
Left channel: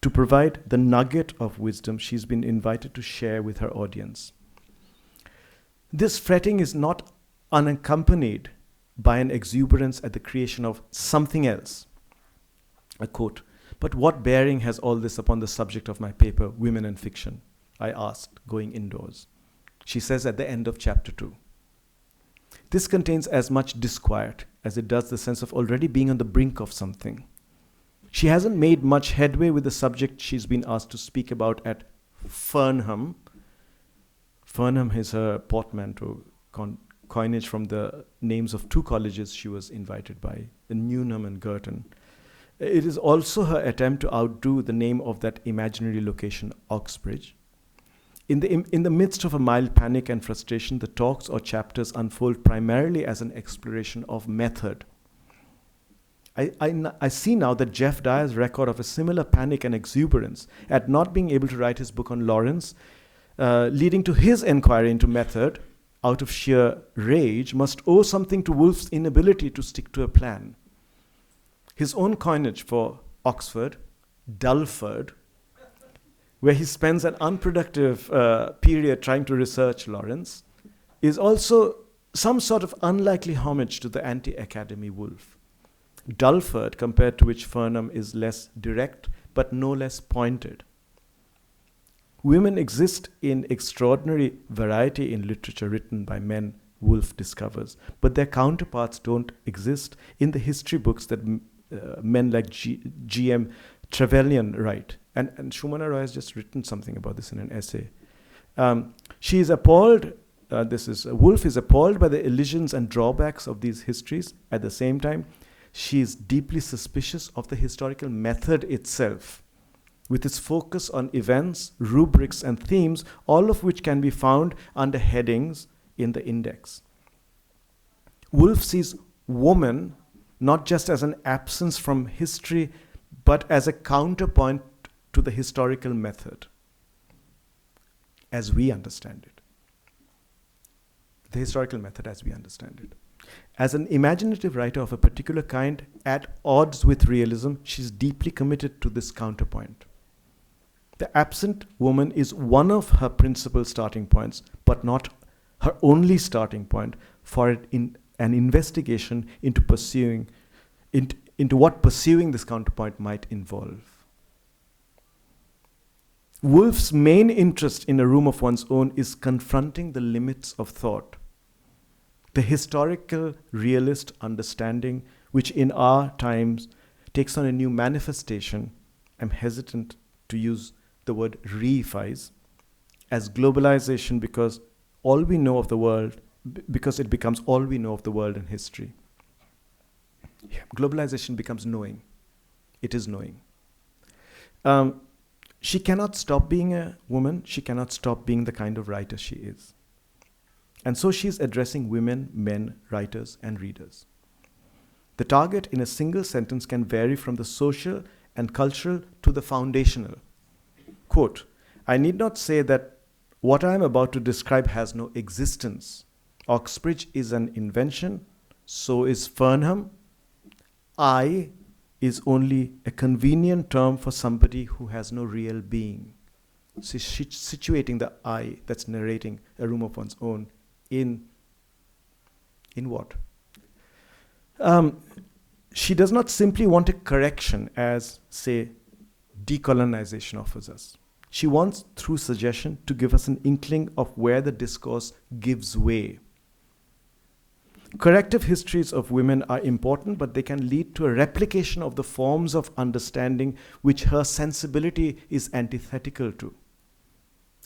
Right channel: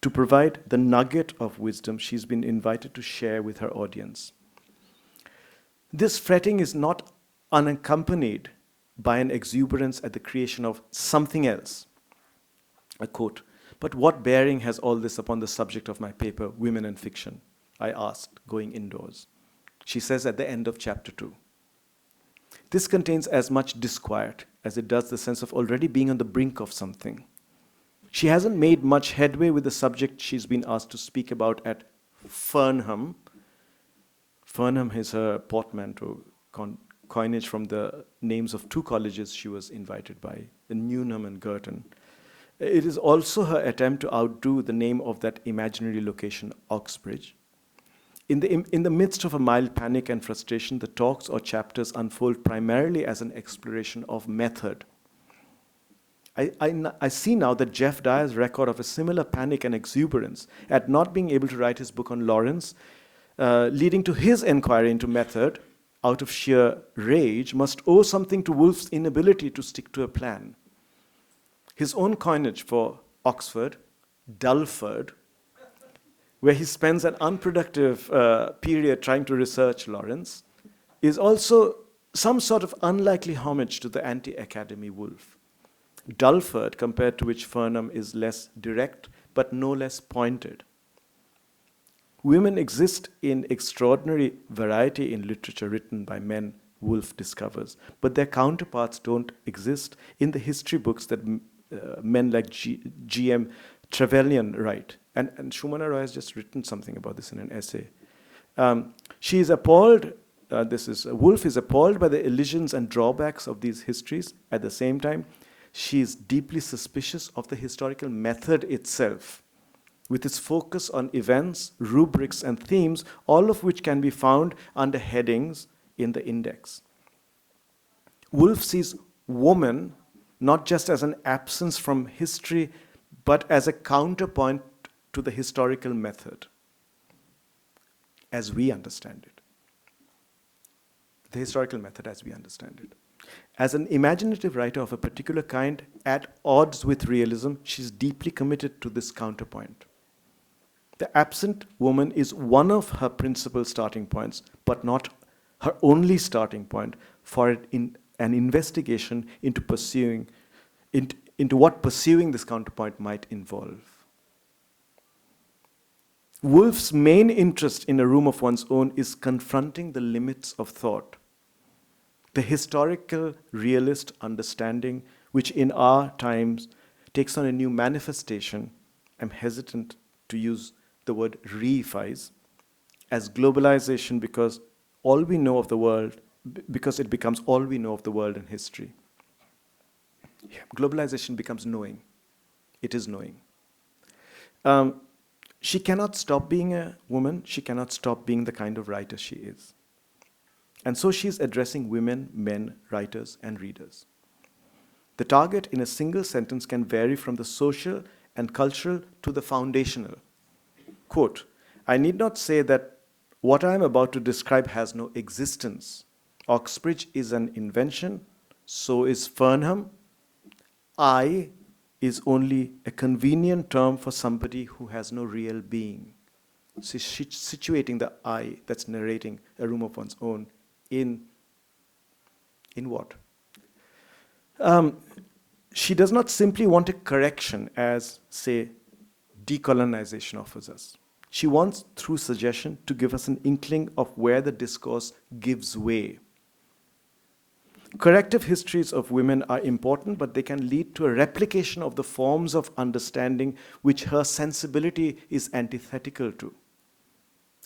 to provide the nugget of wisdom she's been invited to share with her audience. This fretting is not unaccompanied by an exuberance at the creation of something else. I quote, "But what bearing has all this upon the subject of my paper, Women and Fiction?" I asked, going indoors. She says at the end of chapter 2. This contains as much disquiet as it does the sense of already being on the brink of something. She hasn't made much headway with the subject she's been asked to speak about at Fernham. Fernham is her portmanteau, coinage from the names of two colleges she was invited by, Newnham and Girton. It is also her attempt to outdo the name of that imaginary location, Oxbridge. In the midst of a mild panic and frustration, the talks or chapters unfold primarily as an exploration of method. I see now that Jeff Dyer's record of a similar panic and exuberance at not being able to write his book on Lawrence, leading to his inquiry into method out of sheer rage, must owe something to Woolf's inability to stick to a plan. His own coinage for Oxford, Dulford, where he spends an unproductive period trying to research Lawrence, is also some sort of unlikely homage to the anti-academy Woolf. Dulford, compared to which Fernham is less direct, but no less pointed. Women exist in extraordinary variety in literature written by men, Woolf discovers, but their counterparts don't exist in the history books that men like G.M. Trevelyan write. And Shumana Roy has just written something about this in an essay. She is appalled, Woolf is appalled by the elisions and drawbacks of these histories. At the same time, she is deeply suspicious of the historical method itself, with its focus on events, rubrics, and themes, all of which can be found under headings in the index. Woolf sees woman not just as an absence from history, but as a counterpoint to the historical method, as we understand it. The historical method as we understand it. As an imaginative writer of a particular kind, at odds with realism, she's deeply committed to this counterpoint. The absent woman is one of her principal starting points, but not her only starting point for an investigation into what pursuing this counterpoint might involve. Woolf's main interest in A Room of One's Own is confronting the limits of thought. The historical realist understanding, which in our times takes on a new manifestation, I'm hesitant to use the word reifies, as globalisation because all we know of the world, because it becomes all we know of the world and history. Globalization becomes knowing. It is knowing. She cannot stop being a woman. She cannot stop being the kind of writer she is. And so she's addressing women, men, writers, and readers. The target in a single sentence can vary from the social and cultural to the foundational. Quote, I need not say that what I am about to describe has no existence. Oxbridge is an invention, so is Fernham. I is only a convenient term for somebody who has no real being. So she's situating the I that's narrating A Room of One's Own in what? She does not simply want a correction as, say, decolonization offers us. She wants, through suggestion, to give us an inkling of where the discourse gives way. Corrective histories of women are important, but they can lead to a replication of the forms of understanding which her sensibility is antithetical to.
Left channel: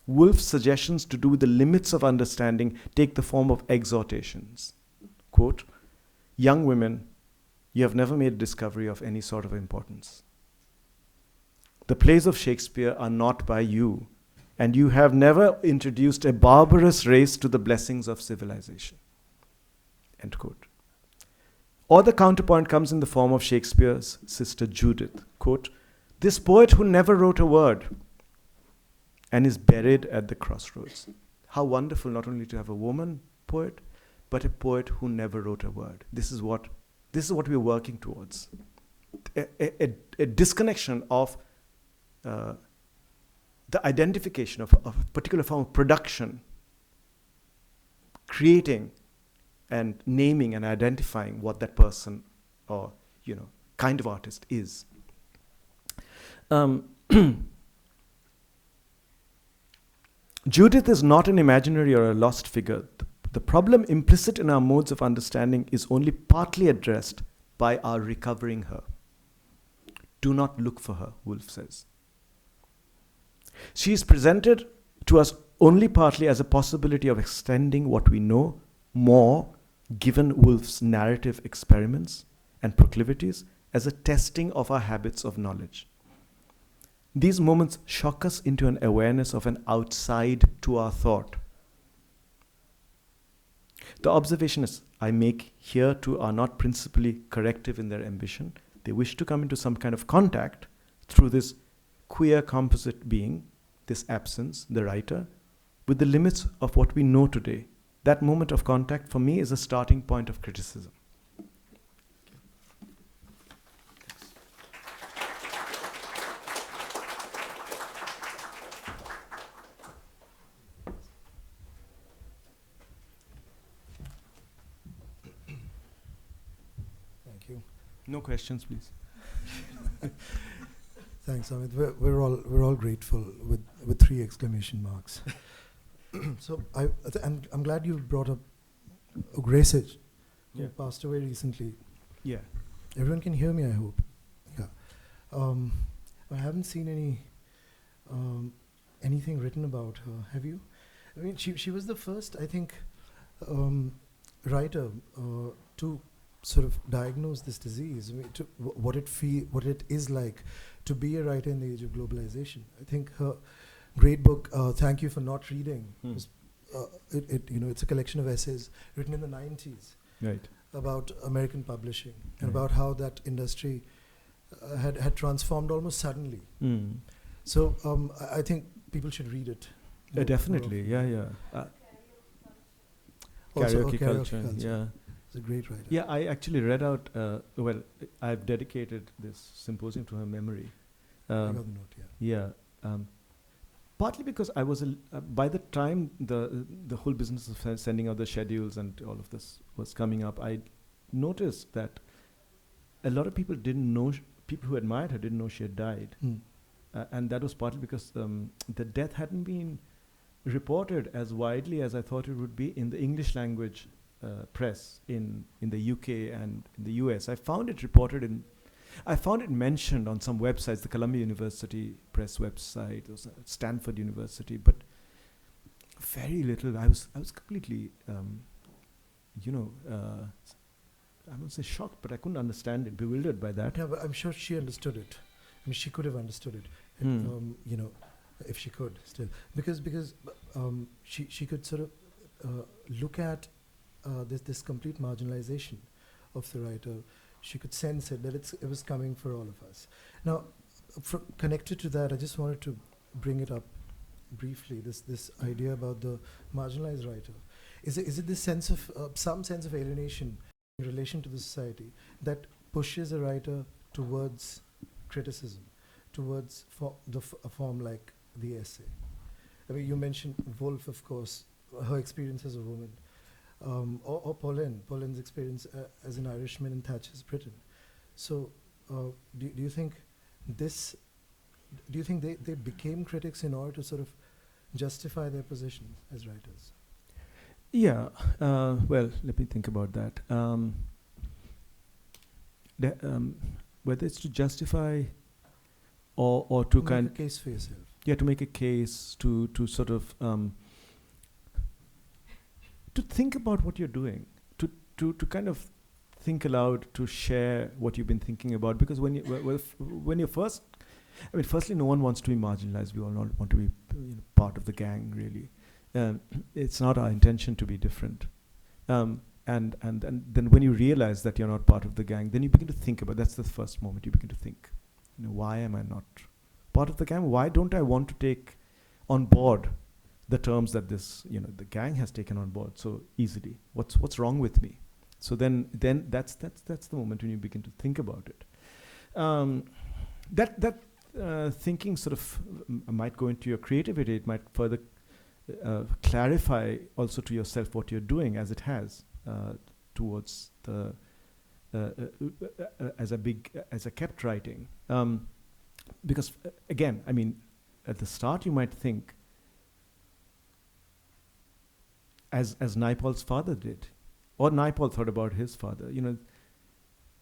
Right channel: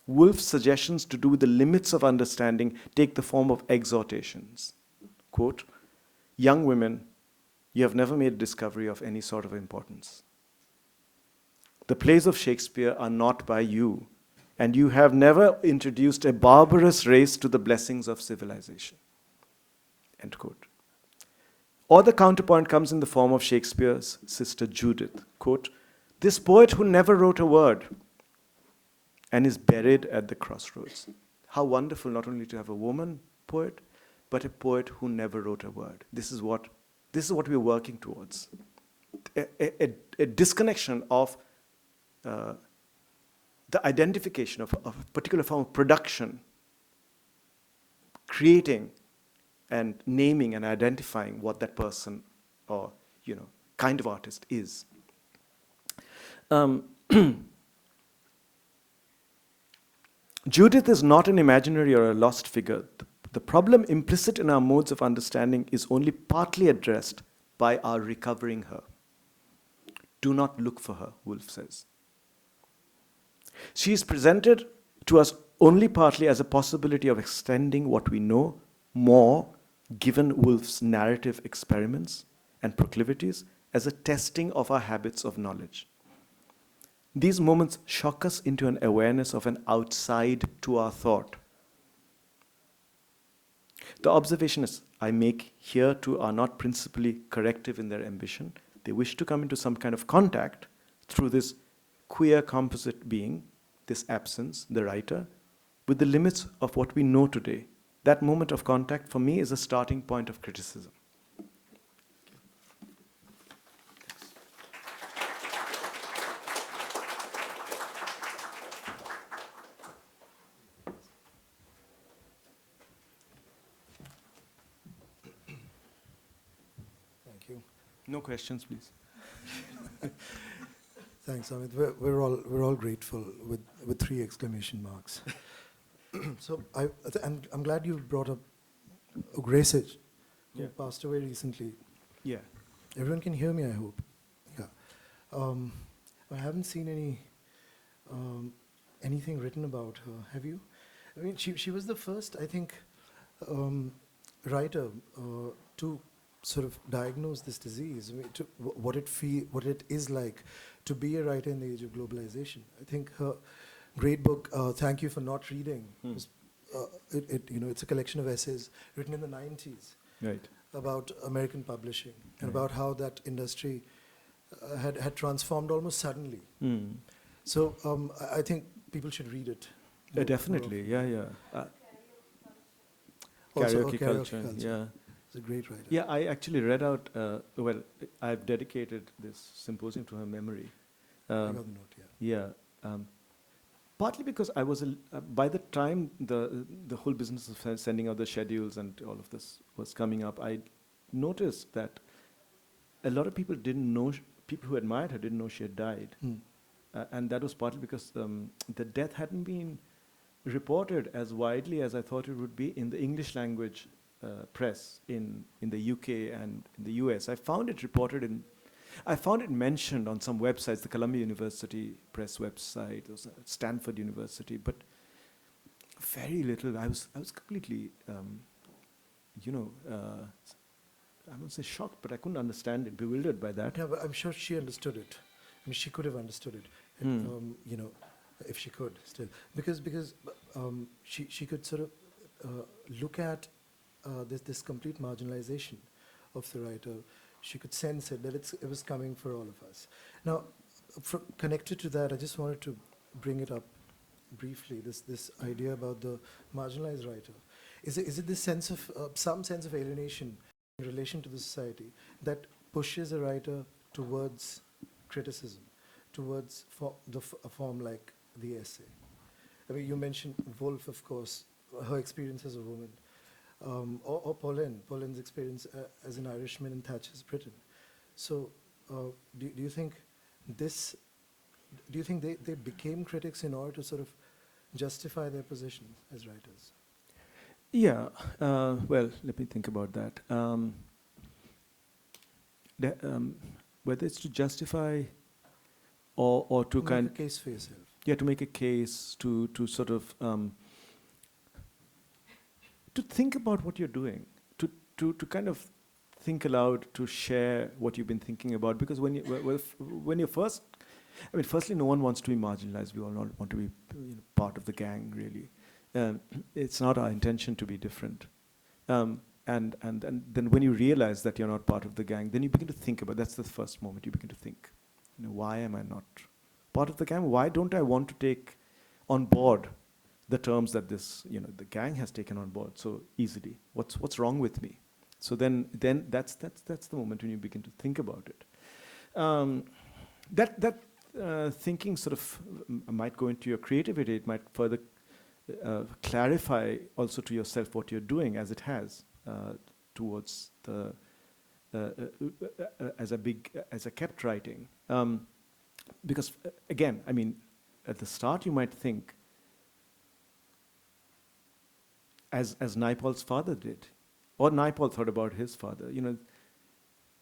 Woolf's suggestions to do with the limits of understanding take the form of exhortations. Quote, young women, you have never made a discovery of any sort of importance. The plays of Shakespeare are not by you, and you have never introduced a barbarous race to the blessings of civilization. End quote. Or the counterpoint comes in the form of Shakespeare's sister Judith. Quote, this poet who never wrote a word and is buried at the crossroads. How wonderful not only to have a woman poet, but a poet who never wrote a word. This is what we're working towards. A disconnection of the identification of a particular form of production, creating and naming and identifying what that person or kind of artist is. Judith is not an imaginary or a lost figure. The the problem implicit in our modes of understanding is only partly addressed by our recovering her. Do not look for her, Woolf says. She is presented to us only partly as a possibility of extending what we know more, given Woolf's narrative experiments and proclivities, as a testing of our habits of knowledge. These moments shock us into an awareness of an outside to our thought. The observations I make here too are not principally corrective in their ambition. They wish to come into some kind of contact through this queer composite being, this absence, the writer, with the limits of what we know today. That moment of contact for me is a starting point of criticism. Thank you. No questions, please. Thanks, Amit. We're all grateful with 3 exclamation marks. So I'm glad you brought up Graysage, who Yeah. passed away recently. Yeah. Everyone can hear me, I hope. Yeah. I haven't seen anything written about her. Have you? I mean, she was the first, I think, writer to sort of diagnose this disease. I mean, what it is like to be a writer in the age of globalization. I think her great book, Thank You for Not Reading, was, it's a collection of essays written in the 90s. Right. About American publishing and about how that industry had transformed almost suddenly. So I think people should read it. Definitely, yeah. Also, Karaoke culture, yeah. It's a great writer. Yeah, I actually read out, I've dedicated this symposium to her memory. I got the note, yeah. Yeah. Partly because I was, by the time the whole business of sending out the schedules and all of this was coming up, I noticed that a lot of people didn't know, people who admired her didn't know she had died. And that was partly because the death hadn't been reported as widely as I thought it would be in the English language press in the UK and in the US. I found it mentioned on some websites, the Columbia University press website, Stanford University, but very little. I was completely, I won't say shocked, but I couldn't understand it, bewildered by that. Yeah, but I'm sure she understood it. I mean, she could have understood it, if she could still, because she could sort of look at this complete marginalization of the writer. She could sense it, that it was coming for all of us. Now, connected to that, I just wanted to bring it up briefly, this idea about the marginalized writer. Is it this sense of, some sense of alienation in relation to the society that pushes a writer towards criticism, towards a form like the essay? I mean, you mentioned Woolf, of course, her experience as a woman. Or Paulin's experience as an Irishman in Thatcher's Britain. So, do you think they became critics in order to sort of justify their position as writers? Yeah. Well, let me think about that. Whether it's to justify or to make a case for yourself. Yeah, to make a case, to sort of to think about what you're doing, to kind of think aloud, to share what you've been thinking about. Because when you're first, I mean, firstly, no one wants to be marginalized. We all not want to be part of the gang, really. It's not our intention to be different. And then when you realize that you're not part of the gang, then you begin to think about, that's the first moment you begin to think, why am I not part of the gang? Why don't I want to take on board the terms that this, the gang has taken on board so easily? What's wrong with me? So then that's the moment when you begin to think about it. That thinking sort of might go into your creativity. It might further clarify also to yourself what you're doing, as it has towards the as I kept writing. Because again, I mean, at the start you might think, as Naipaul's father did, or Naipaul thought about his father.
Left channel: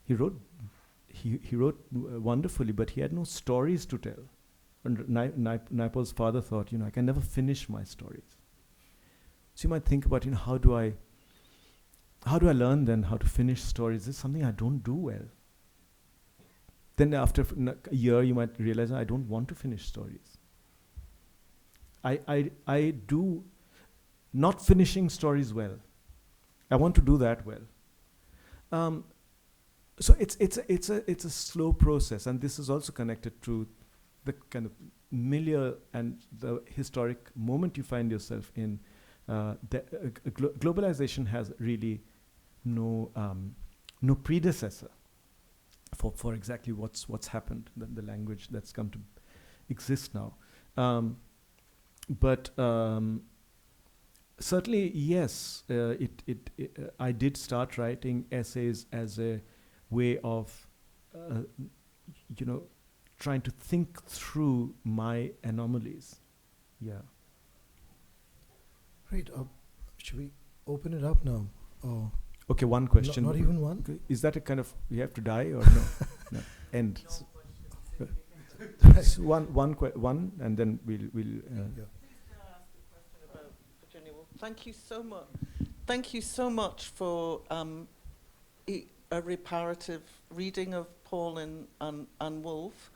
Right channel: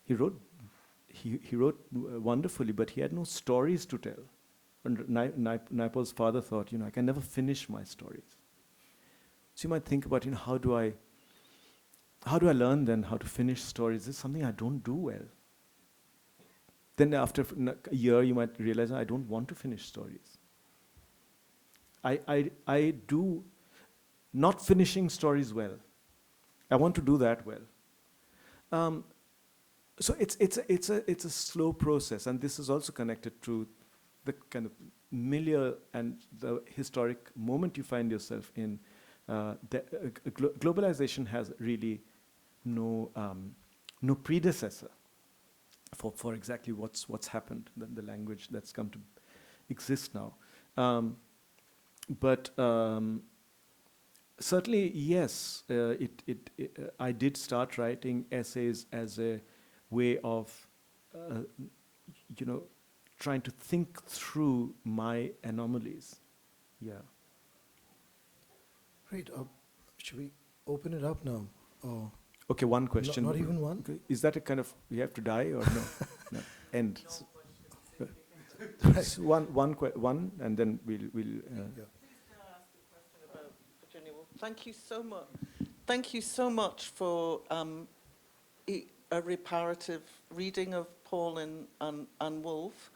He wrote wonderfully, but he had no stories to tell. And Naipaul's father thought, I can never finish my stories. So you might think about, how do I learn then how to finish stories? This is something I don't do well. Then after a year, you might realize I don't want to finish stories. I do not finishing stories well. I want to do that well. So it's a slow process, and this is also connected to the kind of milieu and the historic moment you find yourself in. Globalization has really no predecessor for exactly what's happened, the language that's come to exist now. But certainly, yes, I did start writing essays as a way of, trying to think through my anomalies. Yeah. Great. Should we open it up now? Or Okay, one question. not even one? Okay. Is that a kind of, you have to die or no? No. End. Right. So one, and then we'll. Yeah. Please can I ask a question about Virginia Woolf? Thank you so much. Thank you so much for a reparative reading of Paulin and Woolf,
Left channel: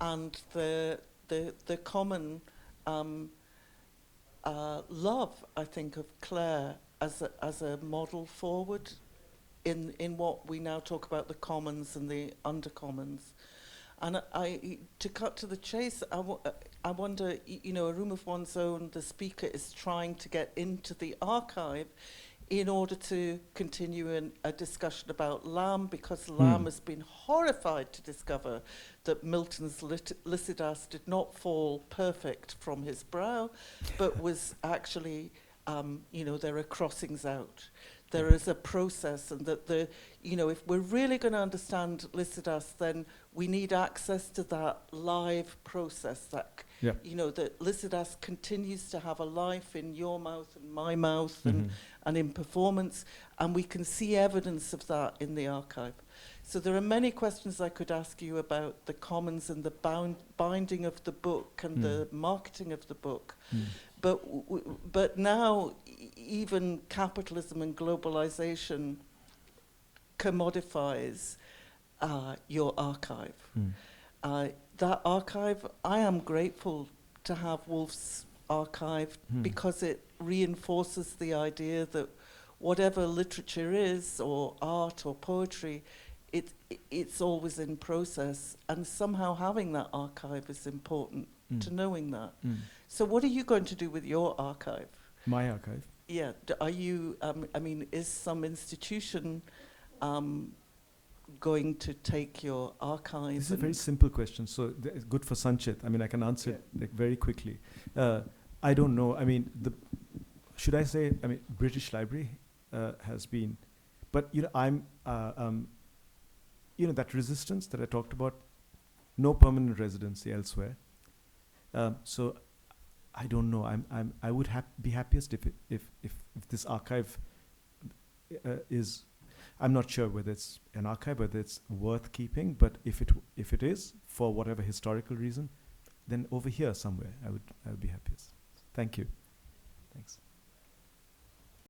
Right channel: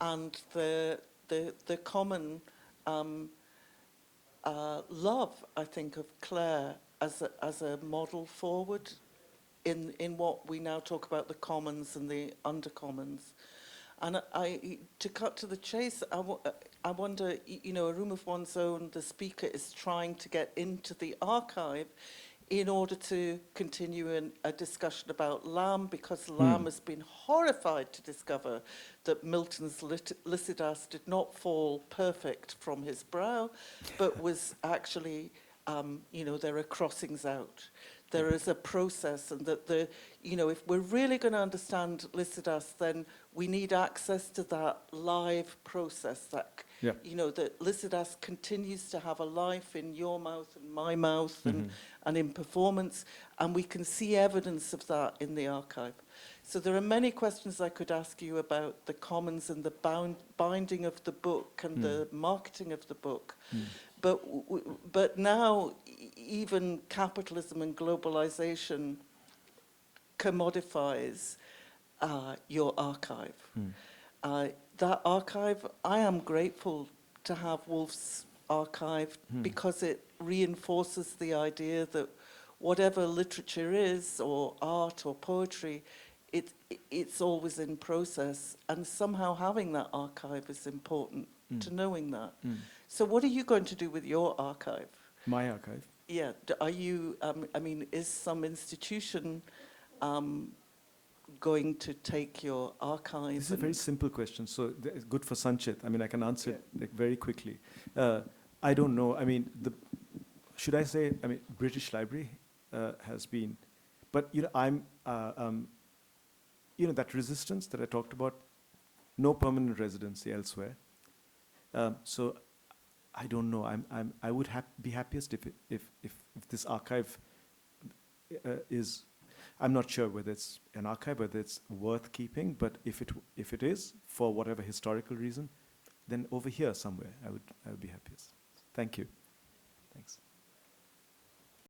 and the common love, I think, of Claire as a model forward in what we now talk about, the commons and the undercommons. And to cut to the chase, I wonder, a room of one's own, the speaker is trying to get into the archive in order to continue a discussion about Lamb, because Lamb has been horrified to discover that Milton's Lycidas did not fall perfect from his brow, but was actually, there are crossings out. There is a process, and that if we're really going to understand Lycidas, then we need access to that live process, that Lycidas continues to have a life in your mouth and my mouth, and in performance, and we can see evidence of that in the archive. So there are many questions I could ask you about the commons and the binding of the book and the marketing of the book. But now even capitalism and globalization commodifies your archive. That archive, I am grateful to have Woolf's archive because it reinforces the idea that whatever literature is, or art or poetry, it's always in process, and somehow having that archive is important to knowing that. So what are you going to do with your archive? My archive? Yeah, are you, is some institution going to take your archive? This is a very simple question, so it's good for Sanchit. I can answer it very quickly. I don't know. Should I say? British Library has been, but I'm, that resistance that I talked about, no permanent residency elsewhere. So I don't know. I would be happiest if this archive is. I'm not sure whether it's an archive, whether it's worth keeping, but if it is, for whatever historical reason, then over here somewhere I would be happiest. Thank you. Thanks.